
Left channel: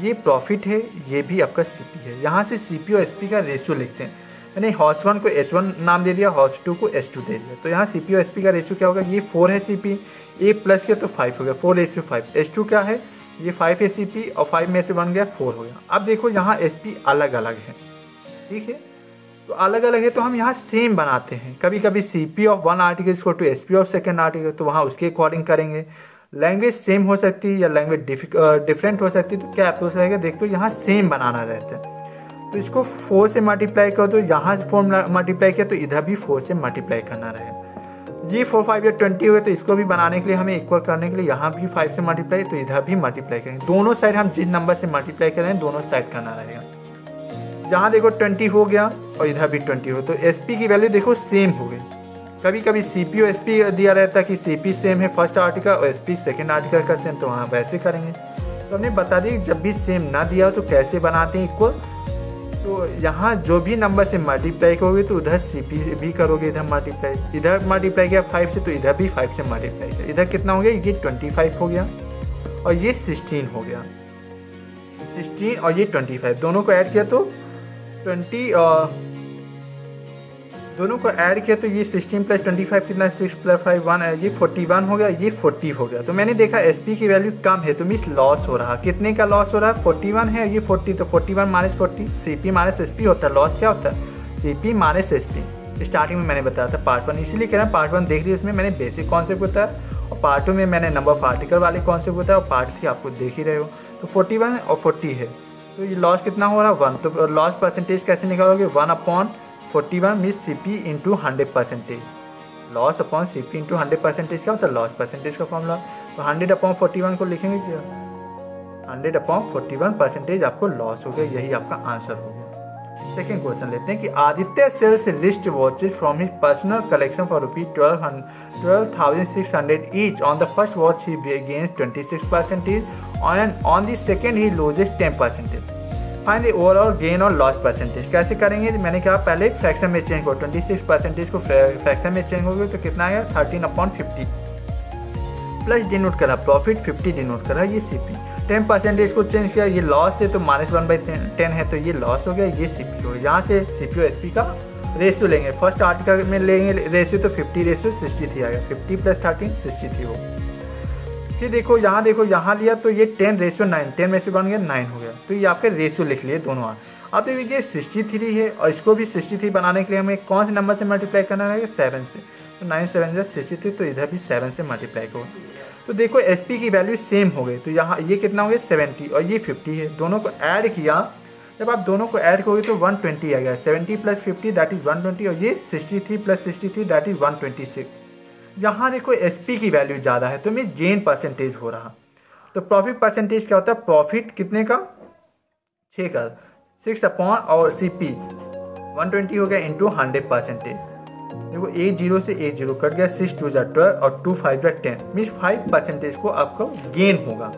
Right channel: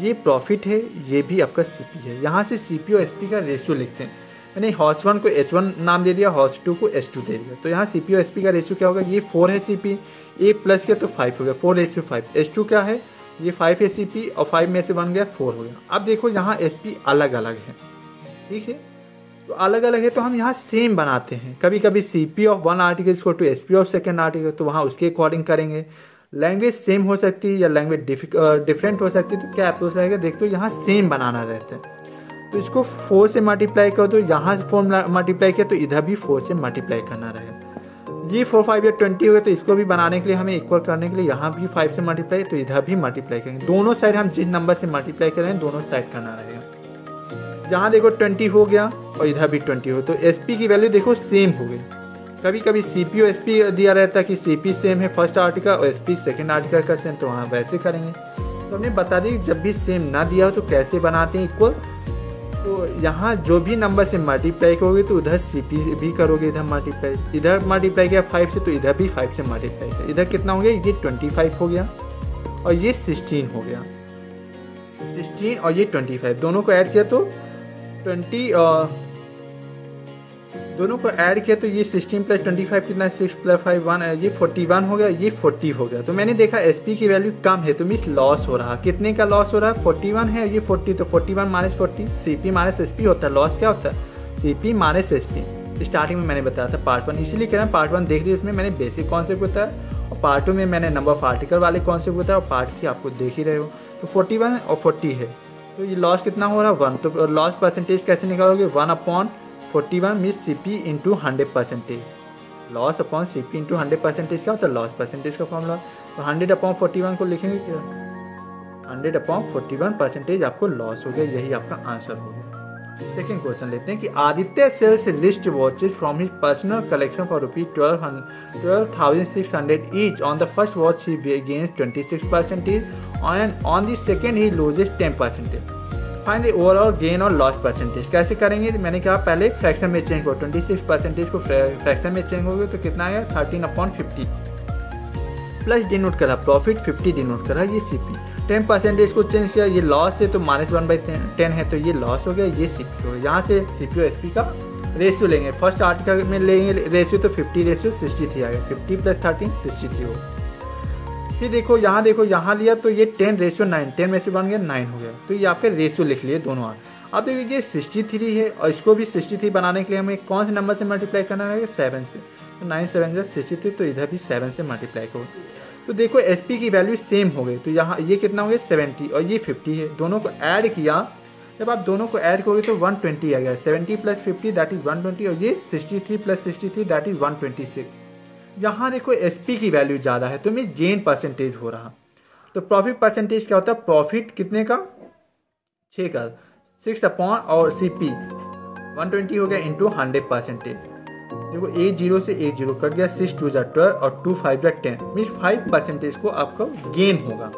ये प्रॉफिट है, ये भी आपका सीपी है। यहाँ से सीपी और एसपी का रेशियो लिखते हैं। मैंने हॉर्स 1 को H1 नाम दे दिया, हॉर्स 2 को H2 दे दिया। तो यहाँ सीपी और एसपी का रेशियो क्या होगा, ये 4 है सीपी, 1 प्लस किया तो 5 हो गया, 4:5। H2 क्या है, ये 5 है सीपी और 5 में से 1 गया 4 हो गया। अब देखो यहाँ एसपी अलग अलग है, ठीक है, तो अलग अलग है तो हम यहाँ सेम बनाते हैं। कभी कभी CP of one article equal to SP of second article, तो वहाँ उसके अकॉर्डिंग करेंगे। लैंग्वेज सेम हो सकती है या लैंग्वेज डिफरेंट हो सकती है, तो क्या अप्रोच रहेगा, देखते हो यहाँ सेम बनाना रहता है। तो इसको 4 से मल्टीप्लाई कर दो, यहाँ से 4 मल्टीप्लाई किया तो इधर भी 4 से मल्टीप्लाई करना रहेगा। ये 4 5 या 20 हो गए, तो इसको भी बनाने के लिए हमें इक्वल करने के लिए यहाँ भी 5 से मल्टीप्लाई, तो इधर भी मल्टीप्लाई करेंगे। दोनों साइड हम जिस नंबर से मल्टीप्लाई करें दोनों साइड करना रहेगा। यहाँ देखो 20 हो गया और इधर भी 20 हो, तो SP की वैल्यू देखो सेम हो गई। कभी कभी CP और SP दिया रहता है कि CP सेम है फर्स्ट आर्टिकल और SP सेकेंड आर्टिकल का सेम, तो वहाँ वैसे करेंगे। तो हमें बता दी जब भी सेम ना दिया हो तो कैसे बनाते हैं इक्वल। तो यहाँ जो भी नंबर से मल्टीप्लाई करोगे तो उधर CP भी करोगे, इधर मल्टीप्लाई किया 5 से तो इधर भी 5 से मल्टीप्लाई किया। इधर कितना हो गया, ये 25 हो गया और ये 16 हो गया। 16 और ये 25 दोनों को ऐड किया तो 20 दोनों को ऐड किया तो ये 16 प्लस 25 कितना, 6 प्लस 5 1, ये 41 हो गया, ये 40 हो गया। तो मैंने देखा SP की वैल्यू कम है तो मीन्स लॉस हो रहा। कितने का लॉस हो रहा है, 41 है, ये 40, तो 41 माइनस 40 CP माइनस SP होता है। लॉस क्या होता है, CP माइनस SP। स्टार्टिंग में मैंने बताया था पार्ट 1, इसीलिए कह रहा हूँ पार्ट 1 देख रही है, इसमें मैंने बेसिक कॉन्सेप्ट बताया और पार्ट 2 में मैंने नंबर ऑफ आर्टिकल वाले कॉन्सेप्ट बताया और पार्ट 3 आपको देख ही रहे हो। तो 41 और 40 है, तो ये लॉस कितना हो रहा है 1। तो लॉस परसेंटेज कैसे निकालोगे, 1/41 means CP into 100%। Loss upon CP into 100% क्या होता है, लॉस परसेंटेज का फॉर्मूला। तो 100/41 को लिखेंगे क्या, 100/41% आपको लॉस हो गया, यही आपका आंसर हो गया। सेकेंड क्वेश्चन लेते हैं कि Aditya sells list watches from his personal collection for ₹12,600 each. On the first watch he gains 26% and on the second he loses 10%। Find the overall gain और लॉस परसेंटेज। कैसे करेंगे, मैंने कहा पहले फ्रैक्शन में चेंज हो, 26% को फ्रैक्शन में चेंज हो गया तो कितना आएगा 13/50 प्लस डिनोट करा प्रॉफिट, 50 डिनोट करा ये CP। 10% को चेंज किया, ये लॉस है तो -1/10 है तो ये लॉस हो गया, ये CP हो गया। यहाँ से CP और SP का रेशियो लेंगे, फर्स्ट आर्टिकल में लेंगे रेशियो तो 50:63 आएगा, 50 + 13 63 हो। फिर देखो यहाँ लिया तो ये 10:9, 10 में से बन गया 9 हो गया, तो ये आपके रेशियो लिख लिए दोनों। अब देखिए 63 है और इसको भी 63 बनाने के लिए हमें कौन से नंबर से मल्टीप्लाई करना है, 7 से। तो 9 7 63, तो इधर भी 7 से मल्टीप्लाई करो। तो देखो SP की वैल्यू सेम हो गई, तो यहाँ ये कितना हो गया 70 और ये 50 है, दोनों को ऐड किया। जब आप दोनों को ऐड करोगे तो 120 आ गया, 70 + 50 दैट इज 120 और ये 63 + 63 दैट इज 126। यहाँ देखो SP की वैल्यू ज़्यादा है तो मैं गेन परसेंटेज हो रहा। तो प्रॉफिट परसेंटेज क्या होता है, प्रॉफिट कितने का 6 का 6 अपॉन और CP 120 हो गया इंटू 100%। देखो 1 0 से 1 0 कट गया, 6 2 = 12 और 2 5 = 10 मीन्स 5% को आपको गेन होगा।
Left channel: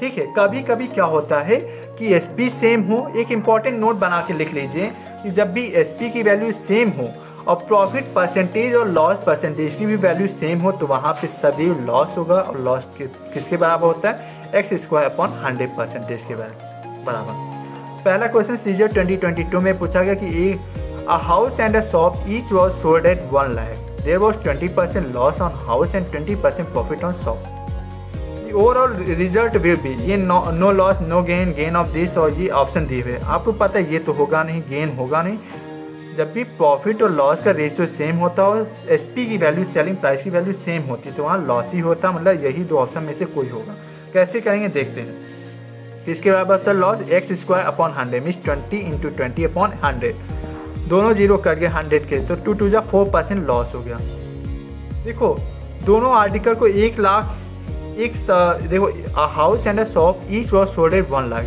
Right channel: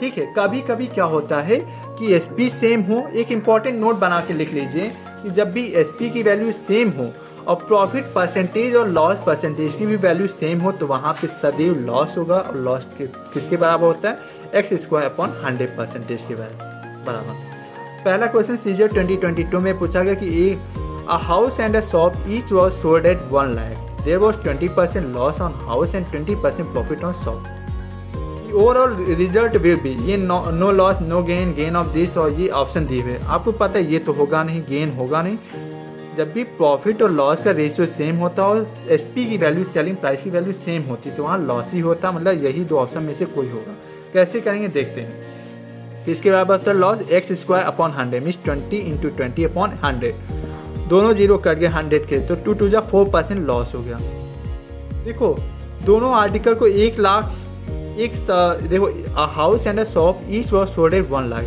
ठीक है, कभी कभी क्या होता है कि SP सेम हो, एक इंपॉर्टेंट नोट बना के लिख लीजिए कि जब भी SP की वैल्यू सेम हो और प्रॉफिट परसेंटेज और लॉस परसेंटेज की भी वैल्यू सेम हो तो वहां पे सदैव लॉस होगा। और लॉस किसके बराबर होता है, x² अपॉन 100% के बराबर। पहला क्वेश्चन CGL 2022 में पूछा गया कि a house and a shop each was sold at 1 lakh. There was 20% loss on house and 20% profit on shop. The overall result will be ये no loss no gain of this और ये option दिए हुए। आपको पता है ये तो होगा नहीं, गेन होगा नहीं। जब भी प्रॉफिट और लॉस का रेशियो सेम होता है और SP की वैल्यू सेलिंग प्राइस की वैल्यू सेम होती तो वहाँ लॉस ही होता, मतलब यही दो ऑप्शन में से कोई होगा। कैसे करेंगे देखते हैं। किसके बराबर होता है loss, x² upon 100 means 20 × 20 upon 100। दोनों जीरो कट गए 100 के, तो 2 2 4% लॉस हो गया। देखो दोनों आर्टिकल को 1 लाख देखो house and a shop each was sold eight 1 lakh.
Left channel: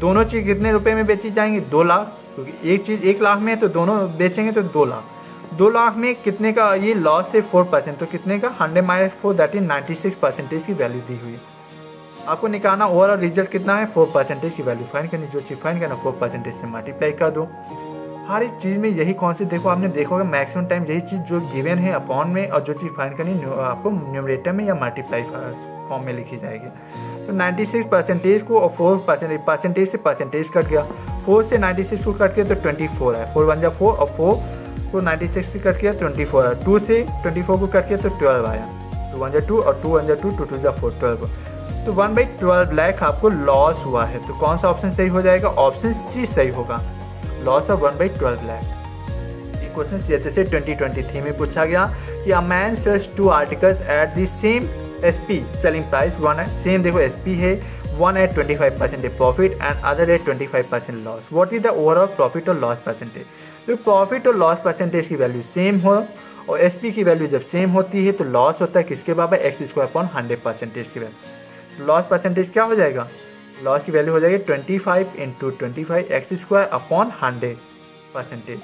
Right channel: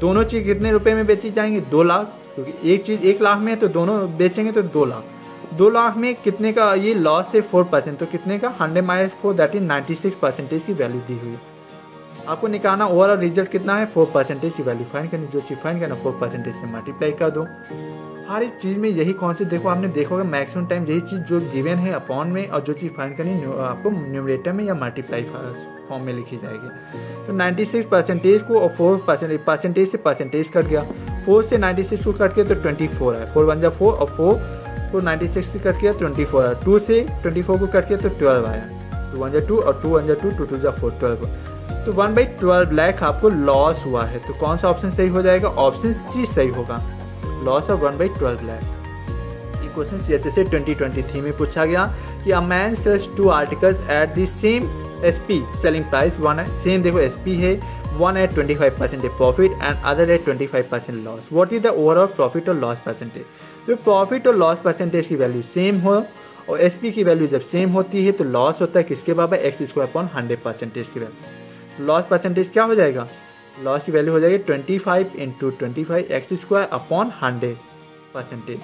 दोनों चीज कितने रुपए में बेची जाएंगी, 2 लाख, क्योंकि एक चीज 1 लाख में है तो दोनों बेचेंगे तो 2 लाख। 2 लाख में कितने का ये लॉस है 4%, तो कितने का 100 - 4 दैट इज 96% की वैल्यू दी हुई। आपको निकालना ओवरऑल रिजल्ट कितना है 4% की वैल्यू फाइंड करनी। जो चीज फाइंड करना 4% से मल्टीप्लाई कर दो। हर एक चीज में यही कॉन्सेप्ट देखो, आपने देखा होगा मैक्सिमम टाइम यही चीज जो गिवन है अपॉन में और जो चीज फाइंड करनी आपको न्यूमरेटर में या मल्टीप्लाई फॉर्म में लिखी जाएगी। तो 96% को और 4% से परसेंटेज कट गया, 4 से 96 को कट किया तो 24 है, 4 1 4 और 4 को 96 से कट किया 24 है, 2 से 24 को कट किया तो 12 आया, 2 1 2 और 2 1 2 2 2 4 12। तो 1/12 लाख आपको लॉस हुआ है। तो कौन सा ऑप्शन सही हो जाएगा, ऑप्शन सी सही होगा, loss of 1/12 lakh. Question CSSA 2023 में पूछा गया कि a man sells 2 articles at the same SP selling price, one है सेम, देखो SP है, one at 25% profit and other at 25% loss. What is the overall profit और लॉस परसेंटेज। जो profit और लॉस परसेंटेज की वैल्यू सेम हो और SP की वैल्यू जब सेम होती है तो लॉस होता है किसके बराबर, एक्स स्क्वायर अपॉन 100% की वैल्यू। तो लॉस परसेंटेज क्या हो जाएगा, लॉस की वैल्यू हो जाएगी 25 इंटू 25 एक्स स्क्वायर अपॉन 100%।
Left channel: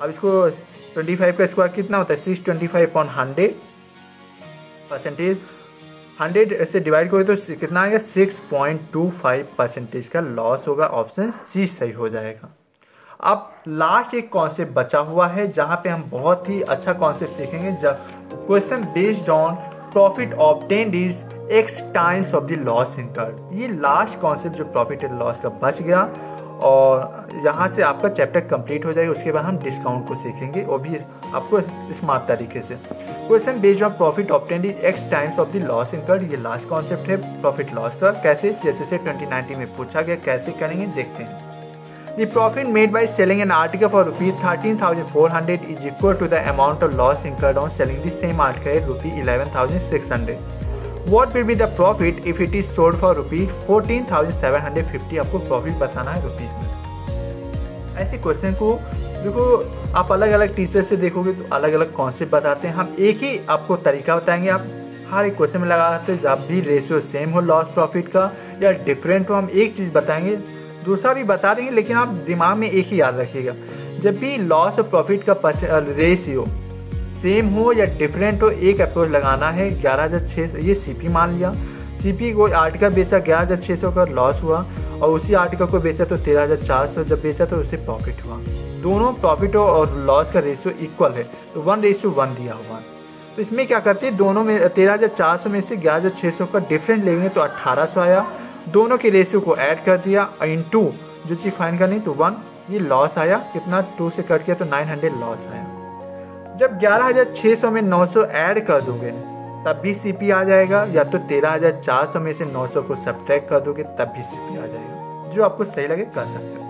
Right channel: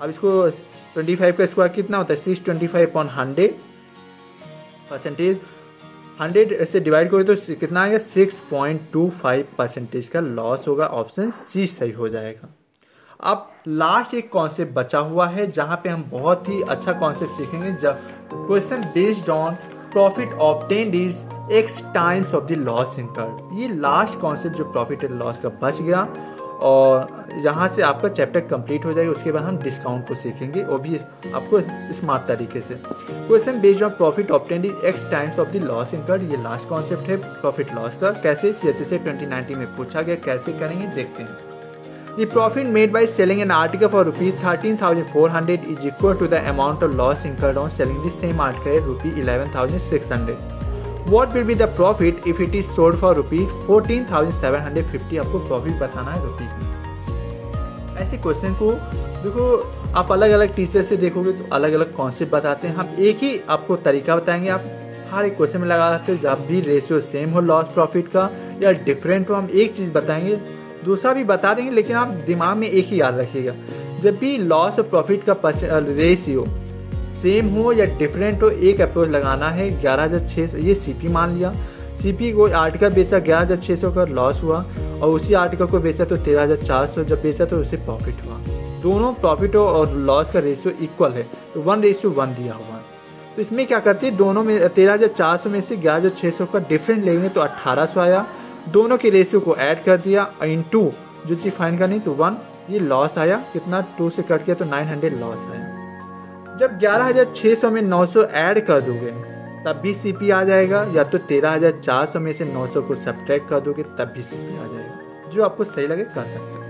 अब इसको 25 का स्क्वायर कितना होता है, 625 अपॉन 100%। 100 से डिवाइड करोगे तो कितना आएगा, 6.25% का लॉस होगा। ऑप्शन सी सही हो जाएगा। अब लास्ट एक कॉन्सेप्ट बचा हुआ है जहां पे हम बहुत ही अच्छा कॉन्सेप्ट सीखेंगे। जब question based on profit obtained is x times of the loss incurred. ये लास्ट कॉन्सेप्ट जो प्रॉफिट एंड लॉस का बच गया और यहाँ से आपका चैप्टर कंप्लीट हो जाएगा। उसके बाद हम डिस्काउंट को सीखेंगे, वो भी आपको स्मार्ट तरीके से। Question based on profit obtained is x times of the loss incurred, ये लास्ट कॉन्सेप्ट है प्रॉफिट लॉस का। कैसे, जैसे से 2019 में पूछा गया, कैसे करेंगे देखते हैं। The profit made by selling an article for ₹13,400 is equal to the amount of loss incurred on selling the same article at ₹11,600. What will be the profit if it is sold for ₹14,750? आपको profit बताना है rupees में। ऐसे question को देखो, आप अलग अलग टीचर से देखोगे तो अलग अलग कॉन्सेप्ट बताते हैं। हम एक ही आपको तरीका बताएंगे, आप हर एक क्वेश्चन में लगा सकते हो। जब भी रेशियो सेम हो लॉस प्रॉफिट का या डिफरेंट हो, हम एक चीज बताएंगे, दूसरा भी बता देंगे, लेकिन आप दिमाग में एक ही याद रखिएगा। जब भी लॉस और प्रॉफिट का रेशियो सेम हो या डिफरेंट हो, एक अप्रोच लगाना है। 11,600 ये सीपी मान लिया, सीपी को आर्टिकल बेचा 11,600 का लॉस हुआ और उसी आर्टिकल को बेचा तो 13,400 जब बेचा तो उससे प्रॉफिट हुआ। दोनों प्रॉफिट और लॉस का रेशियो इक्वल है तो 1:1 दिया हुआ। तो इसमें क्या करते हैं, दोनों में 13,400 में से 11,600 का डिफरेंस लेंगे तो 1,800 आया। दोनों के रेशियो को ऐड कर दिया इनटू जो चीज फाइंड करनी तो 1, ये लॉस आया कितना, 2 से कट किया तो 900 लॉस आया। जब 11,600 में 900 ऐड कर दोगे तब भी सीपी आ जाएगा, या तो 13,400 में से 900 को सब्ट्रैक्ट कर दोगे तब भी सीपी आ जाएगा। जो आपको सही लगे कर सकते हो।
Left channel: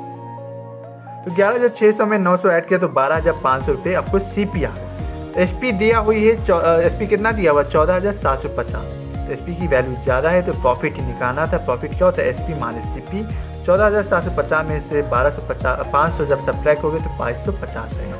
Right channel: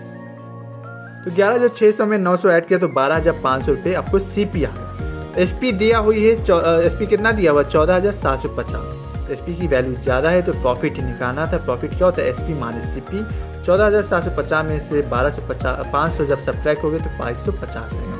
तो 11,600 में 900 ऐड किया तो 12,500 रुपये आपको सीपी आ गया। एसपी दिया हुई है, एसपी कितना दिया हुआ, 14,750। एसपी की वैल्यू ज्यादा है तो प्रॉफिट ही निकालना था। प्रॉफिट क्या होता है, एसपी माइनस सीपी। 14,750 में से 500 जब सब्ट्रैक्ट हो गए तो 550 रहेगा।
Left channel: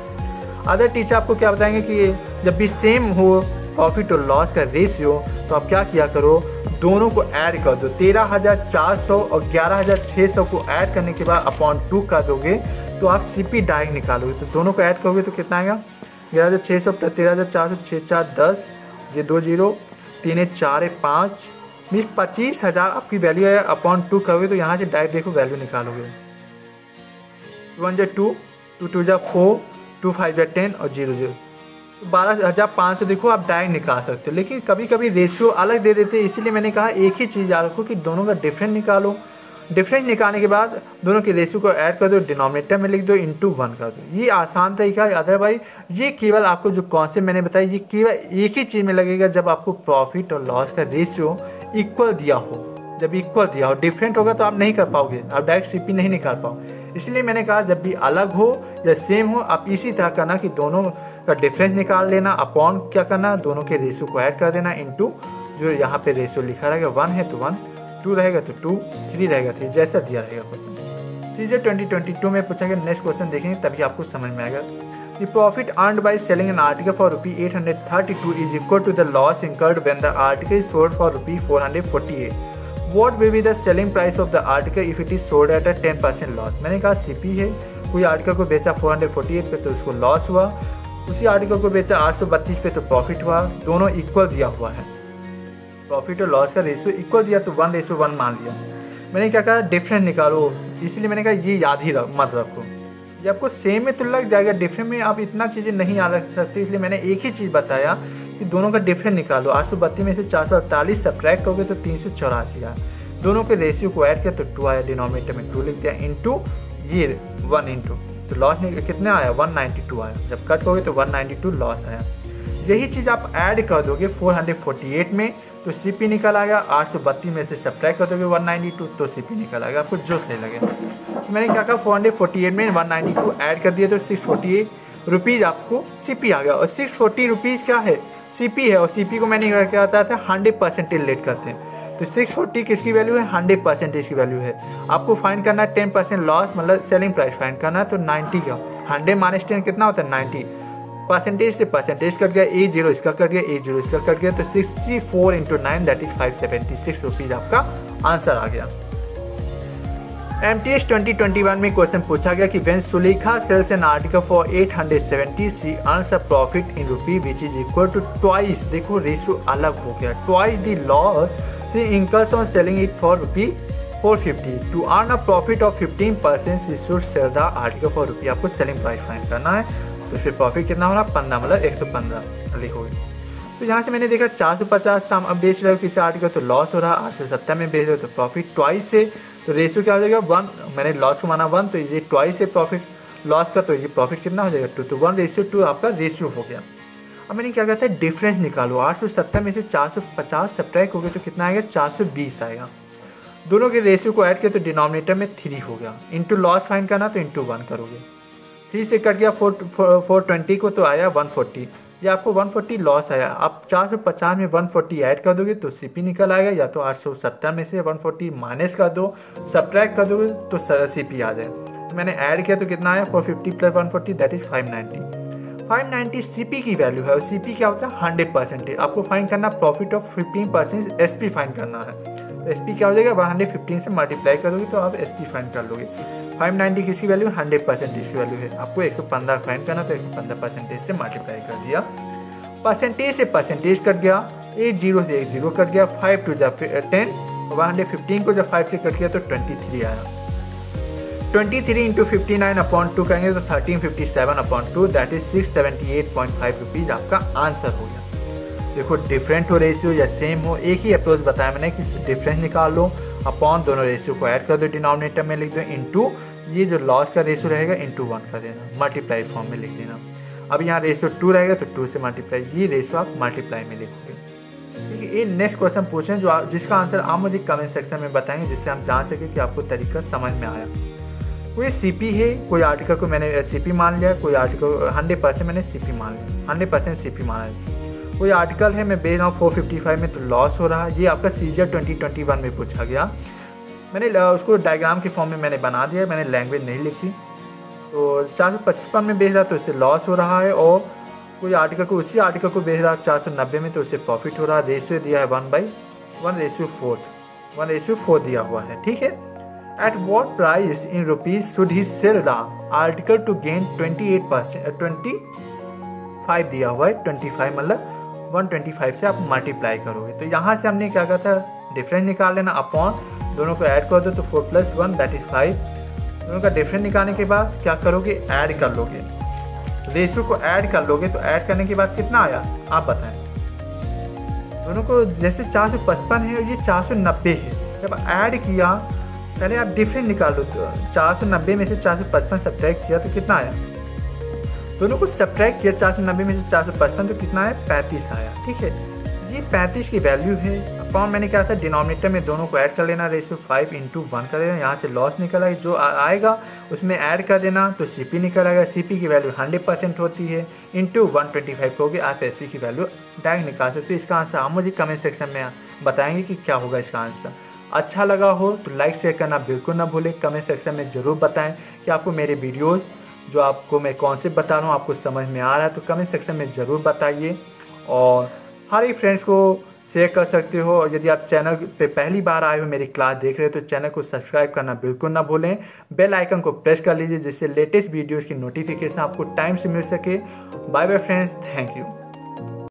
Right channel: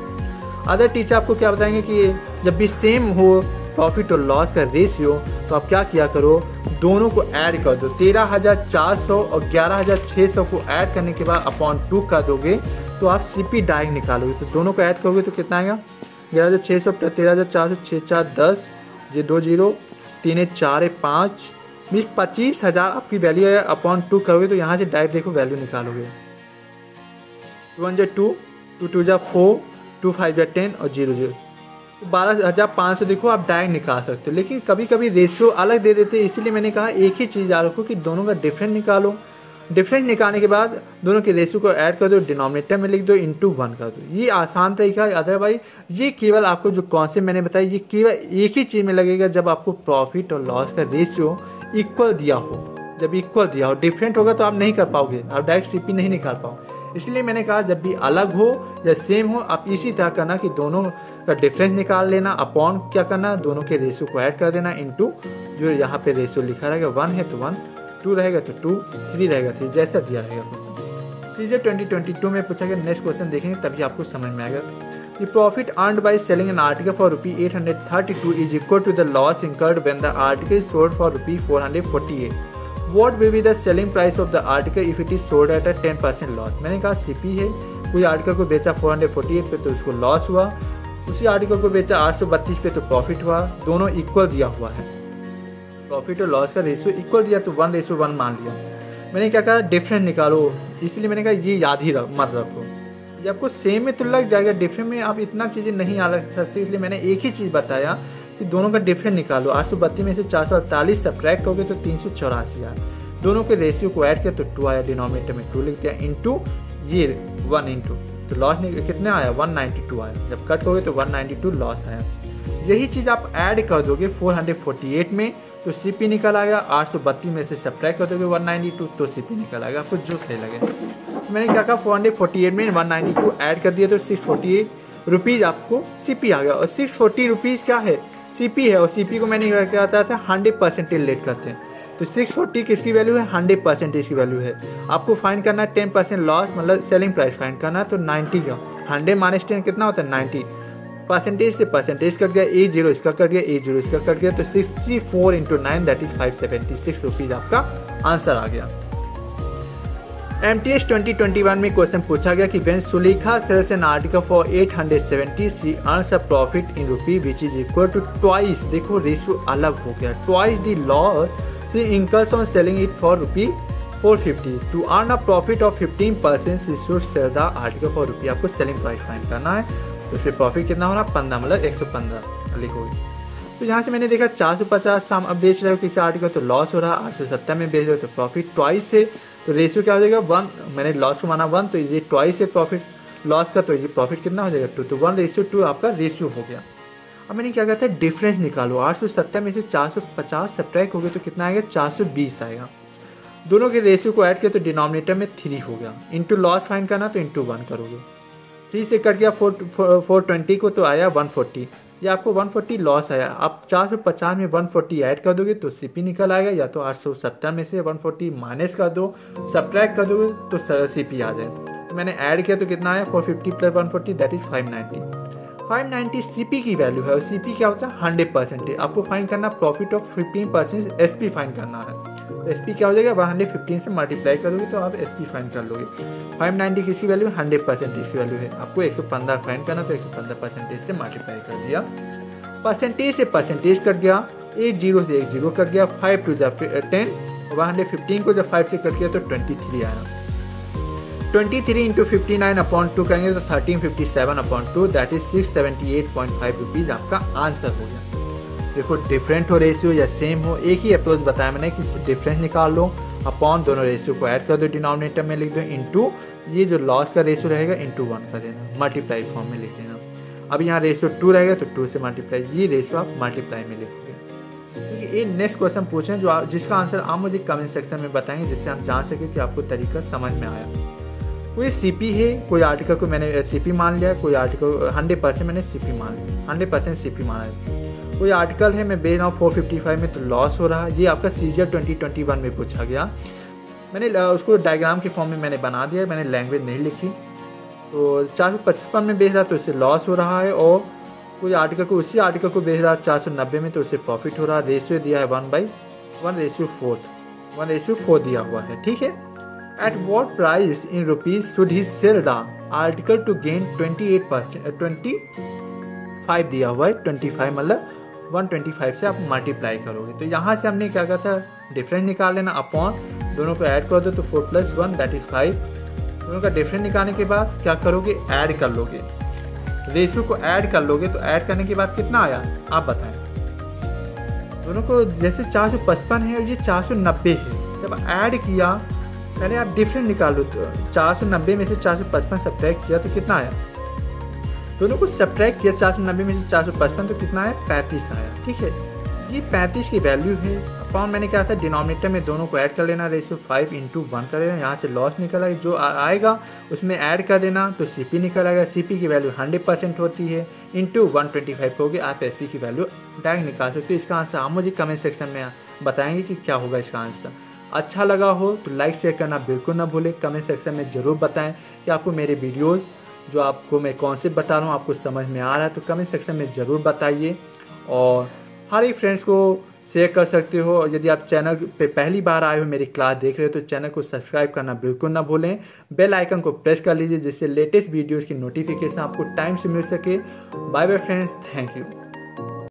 अदर टीचर आपको क्या बताएंगे कि जब भी सेम हो प्रॉफिट और लॉस का रेशियो तो आप क्या किया करो, दोनों को ऐड कर दो। 13,400 और 11,600 को ऐड करने के बाद अपॉन 2 कर दोगे तो आप सीपी डायरेक्ट निकालोगे। तो दोनों को ऐड करोगे तो कितना आएगा, 11,600 प्लस 13,400, 6 4 10, ये 2 0, 3 4 5, 25,000 आपकी वैल्यू है। अपॉन 2 करोगे तो यहाँ से डायरेक्ट देखो वैल्यू निकालोगे। 1 2, 2 2 4, 2 5 10 और 0 0, तो 12,500 देखो आप डायरेक्ट निकाल सकते हो। लेकिन कभी कभी रेशियो अलग दे देते हैं, इसीलिए मैंने कहा एक ही चीज़ याद रखो कि दोनों का डिफरेंस निकालो। डिफरेंस निकालने के बाद दोनों के रेशियो को ऐड कर दो, डिनोमिनेटर में लिख दो, इनटू 1 कर दो। ये आसान तरीका है। अदरवाइज ये केवल आपको जो कॉन्सेप्ट मैंने बताया ये केवल एक ही चीज में लगेगा जब आपको प्रॉफिट और लॉस का रेशियो इक्वल दिया हो। जब इक्वल दिया हो, डिफरेंट होगा तो आप नहीं कर पाओगे, आप डायरेक्ट सीपी नहीं निकाल पाओ। इसलिए मैंने कहा जब भी अलग हो या सेम हो आप इसी तरह करना कि दोनों का डिफरेंस निकाल लेना, अपॉन क्या करना, दोनों के रेशियो को ऐड कर देना, इनटू जो यहाँ पे रेशियो लिखा रहेगा 1 है तो 1, 2 रहेगा तो 2, 3 रहेगा 3, जैसा दिया रहेगा क्वेश्चन। सीजे 2022 में पूछा गया। नेक्स्ट क्वेश्चन देखेंगे तभी आपको समझ में आएगा। The profit earned by selling an article for ₹832 is equal to the loss incurred when the article is sold for ₹448. What will be the selling price of the article if it is sold at a 10% loss? मैंने कहा CP है, कोई article को बेचा 448 पे तो उसको loss हुआ, उसी आर्टिकल को बेचा 832 पे तो प्रॉफिट हुआ। दोनों इक्वल दिया हुआ है, प्रॉफिट और लॉस का रेशियो इक्वल दिया तो 1:1 मान लिया। मैंने क्या कहा, डिफरेंस निकालो, इसलिए मैंने कहा ये याद ही मत रखो, ये आपको सेम में तो लग जाएगा, डिफरेंस में आप इतना चीजें नहीं याद रख सकते। इसलिए मैंने एक ही चीज बताया कि दोनों का डिफरेंस निकालो। 832 में से 448 सब्ट्रैक्ट करोगे तो 384 आया। दोनों के रेशियो को ऐड किया तो 2 आया, डिनोमिनेटर में 2 लिख दिया, इनटू ये 1 इनटू तो लॉस कितना आया, 192 आया। जब कट करोगे तो 192 लॉस आया। यही चीज आप ऐड कर दोगे 448 में तो सीपी निकल आएगा। 832 में से सब्ट्रैक्ट कर दोगे 192 तो सीपी निकल आएगा, आपको जो सही लगे। तो मैंने क्या कहा, 448 में 192 ऐड कर दिया तो 648 रुपीज आपको सीपी आ गया। और 640 रुपीज क्या है, सीपी है। और सीपी को मैंने क्या बताया था, 100% लेट करते हैं। तो 640 किसकी वैल्यू है, 100% की वैल्यू है। आपको फाइंड करना है 10% लॉस, मतलब सेलिंग प्राइस फाइंड करना है। तो 90 का 100 - 10 कितना होता है, 90। परसेंटेज से परसेंटेज कट गया, A0 इसका कट गया, A0 इसका कट गया, तो 64 × 9 दैट इज 576 रुपीज आपका आंसर आ गया। MTS 2021 में क्वेश्चन पूछा गया कि when Sulekha sells an article for 870 she earns a profit in rupee which is equal to twice, देखो रेशियो अलग हो गया, twice the loss she incurs on selling it for rupee 450 to earn a profit of 15% she should sell the article for rupee. आपको selling price find करना है, तो फिर profit कितना हो रहा है 15 मतलब 115 लिखोगे। तो यहाँ से मैंने देखा 450 अब बेच रहे हो किसी आर्टिकल तो लॉस हो रहा है, 870 में बेच रहे हो तो प्रॉफिट ट्वाइस से, तो रेशियो क्या हो जाएगा 1, मैंने लॉस को माना 1 तो ये ट्वाइस से प्रॉफिट लॉस का, तो ये प्रॉफिट कितना हो जाएगा 2, तो 1:2 आपका रेशियो हो गया। अब मैंने क्या कहता है डिफरेंस निकालो, 870 में से 450 सब्ट्रैक्ट हो गया तो कितना आएगा 420 आएगा। दोनों के रेशियो को ऐड किया तो डिनोमिनेटर में 3 हो गया, इंटू लॉस फाइंड करना तो इंटू 1 करोगे, 3 से कट गया 420 को तो आया 140, ये आपको 140 लॉस आया। आप 450 में 140 ऐड कर दोगे तो सीपी निकल आएगा, या तो 870 में से 140 माइनस कर दो, सब्ट्रैक्ट कर दोगे तो सीपी आ जाए। तो मैंने ऐड किया तो कितना आया 450 + 140 दैट इज 590 सीपी की वैल्यू है, और सीपी क्या होता है 100%। आपको फाइंड करना प्रॉफिट ऑफ 15% एसपी फाइंड करना है, तो एसपी क्या हो जाएगा 115 से मल्टीप्लाई करोगे तो आप एसपी फाइंड कर लोगे। 590 किसकी वैल्यू 100% इसकी वैल्यू है, आपको 115 फाइंड करना तो 115% से मल्टीप्लाई कर दिया, परसेंटेज से परसेंटेज कट गया, 0 से 0 कट गया, 5 to 10, 115 को जब 5 से कट गया तो 23 आया, 23 × 59/2 करेंगे तो 1357/2 दैट इज 678.5 रुपीज आपका आंसर हो गया। देखो डिफरेंट हो रेशियो या सेम हो, एक ही अप्रोच बताया मैंने कि डिफरेंस निकाल लो, अपॉन दोनों रेशियो को ऐड कर दो, डिनोमिनेटर में लिख दो, इंटू ये जो लॉस का रेशियो रहेगा इंटू 1 कर देना, मल्टीप्लाई फॉर्म में लिख देना। अब यहाँ रेशियो 2 रहेगा तो 2 से मल्टीप्लाई, ये रेशियो आप मल्टीप्लाई में लिखोगे। ठीक है, ये नेक्स्ट क्वेश्चन पूछें जो जिसका आंसर आप मुझे कमेंट सेक्शन में बताएंगे, जिससे हम जान सके कि आपको तरीका समझ में आया। कोई सीपी है, कोई आर्टिकल को मैंने सीपी मान लिया, कोई आर्टिकल 100% मैंने सीपी मान लिया, 100% सीपी माना है। कोई आर्टिकल है मैं बेच रहा हूँ 455 में तो लॉस हो रहा है, ये आपका सीजर 2021 में पूछा गया। मैंने उसको डायग्राम के फॉर्म में मैंने बना दिया, मैंने लैंग्वेज नहीं लिखी। तो 455 में बेच रहा तो उससे लॉस हो रहा है, और कोई आर्टिकल को उसी आर्टिकल को बेच रहा 490 में तो उससे प्रॉफिट हो रहा है। रेशियो दिया है 1:4 दिया हुआ है। ठीक है, at what price in rupees should he sell the article to gain 25 दिया हुआ है, 25 मतलब 125 से आप मल्टीप्लाई करोगे। तो यहाँ से हमने क्या कहा था डिफरेंस निकाल लेना, अपॉन दोनों को ऐड कर दो तो 4 + 1 दैट इज 5। दोनों का डिफरेंस निकालने के बाद क्या करोगे ऐड कर लोगे, रेशियो को ऐड कर लोगे, तो ऐड करने के बाद कितना आया आप बताएं। दोनों को जैसे 455 है और ये 490 है, जब ऐड किया पहले आप डिफरेंस निकाल लो, तो 490 में से 455 सब्ट्रैक्ट किया तो कितना आया, दोनों को सब्ट्रैक्ट किया 490 में से 455 तो कितना आया 35 आया। ठीक है, ये 35 की वैल्यू है। अपॉन मैंने क्या था डिनोमिनेटर में दोनों को ऐड कर लेना, रेशियो 5 × 1 कर देना, यहाँ से लॉस निकल आएगा, जो आएगा उसमें ऐड कर देना तो सीपी निकल आएगा। सीपी की वैल्यू 100% होती है, इंटू 125 होगी, आप एसपी की वैल्यू डायरेक्ट निकाल सकते हो। इसका आंसर आप मुझे कमेंट सेक्शन में बताएंगे कि क्या होगा इसका आंसर। अच्छा लगा हो तो लाइक शेयर करना बिल्कुल ना भूलें, कमेंट सेक्शन में ज़रूर बताएं कि आपको मेरे वीडियोज़ जो आपको मैं कॉन्सेप्ट बता रहा हूँ आपको समझ में आ रहा है, तो कमेंट सेक्शन में ज़रूर बताइए। और हर एक फ्रेंड्स को शेयर कर सकते हो, और यदि आप चैनल पे पहली बार आए हो मेरी क्लास देख रहे हो तो चैनल को सब्सक्राइब करना बिल्कुल ना भूलें, बेल आइकन को प्रेस कर लीजिए जिससे लेटेस्ट वीडियोज़ की नोटिफिकेशन आपको टाइम से मिल सके। Bye bye friends, thank you.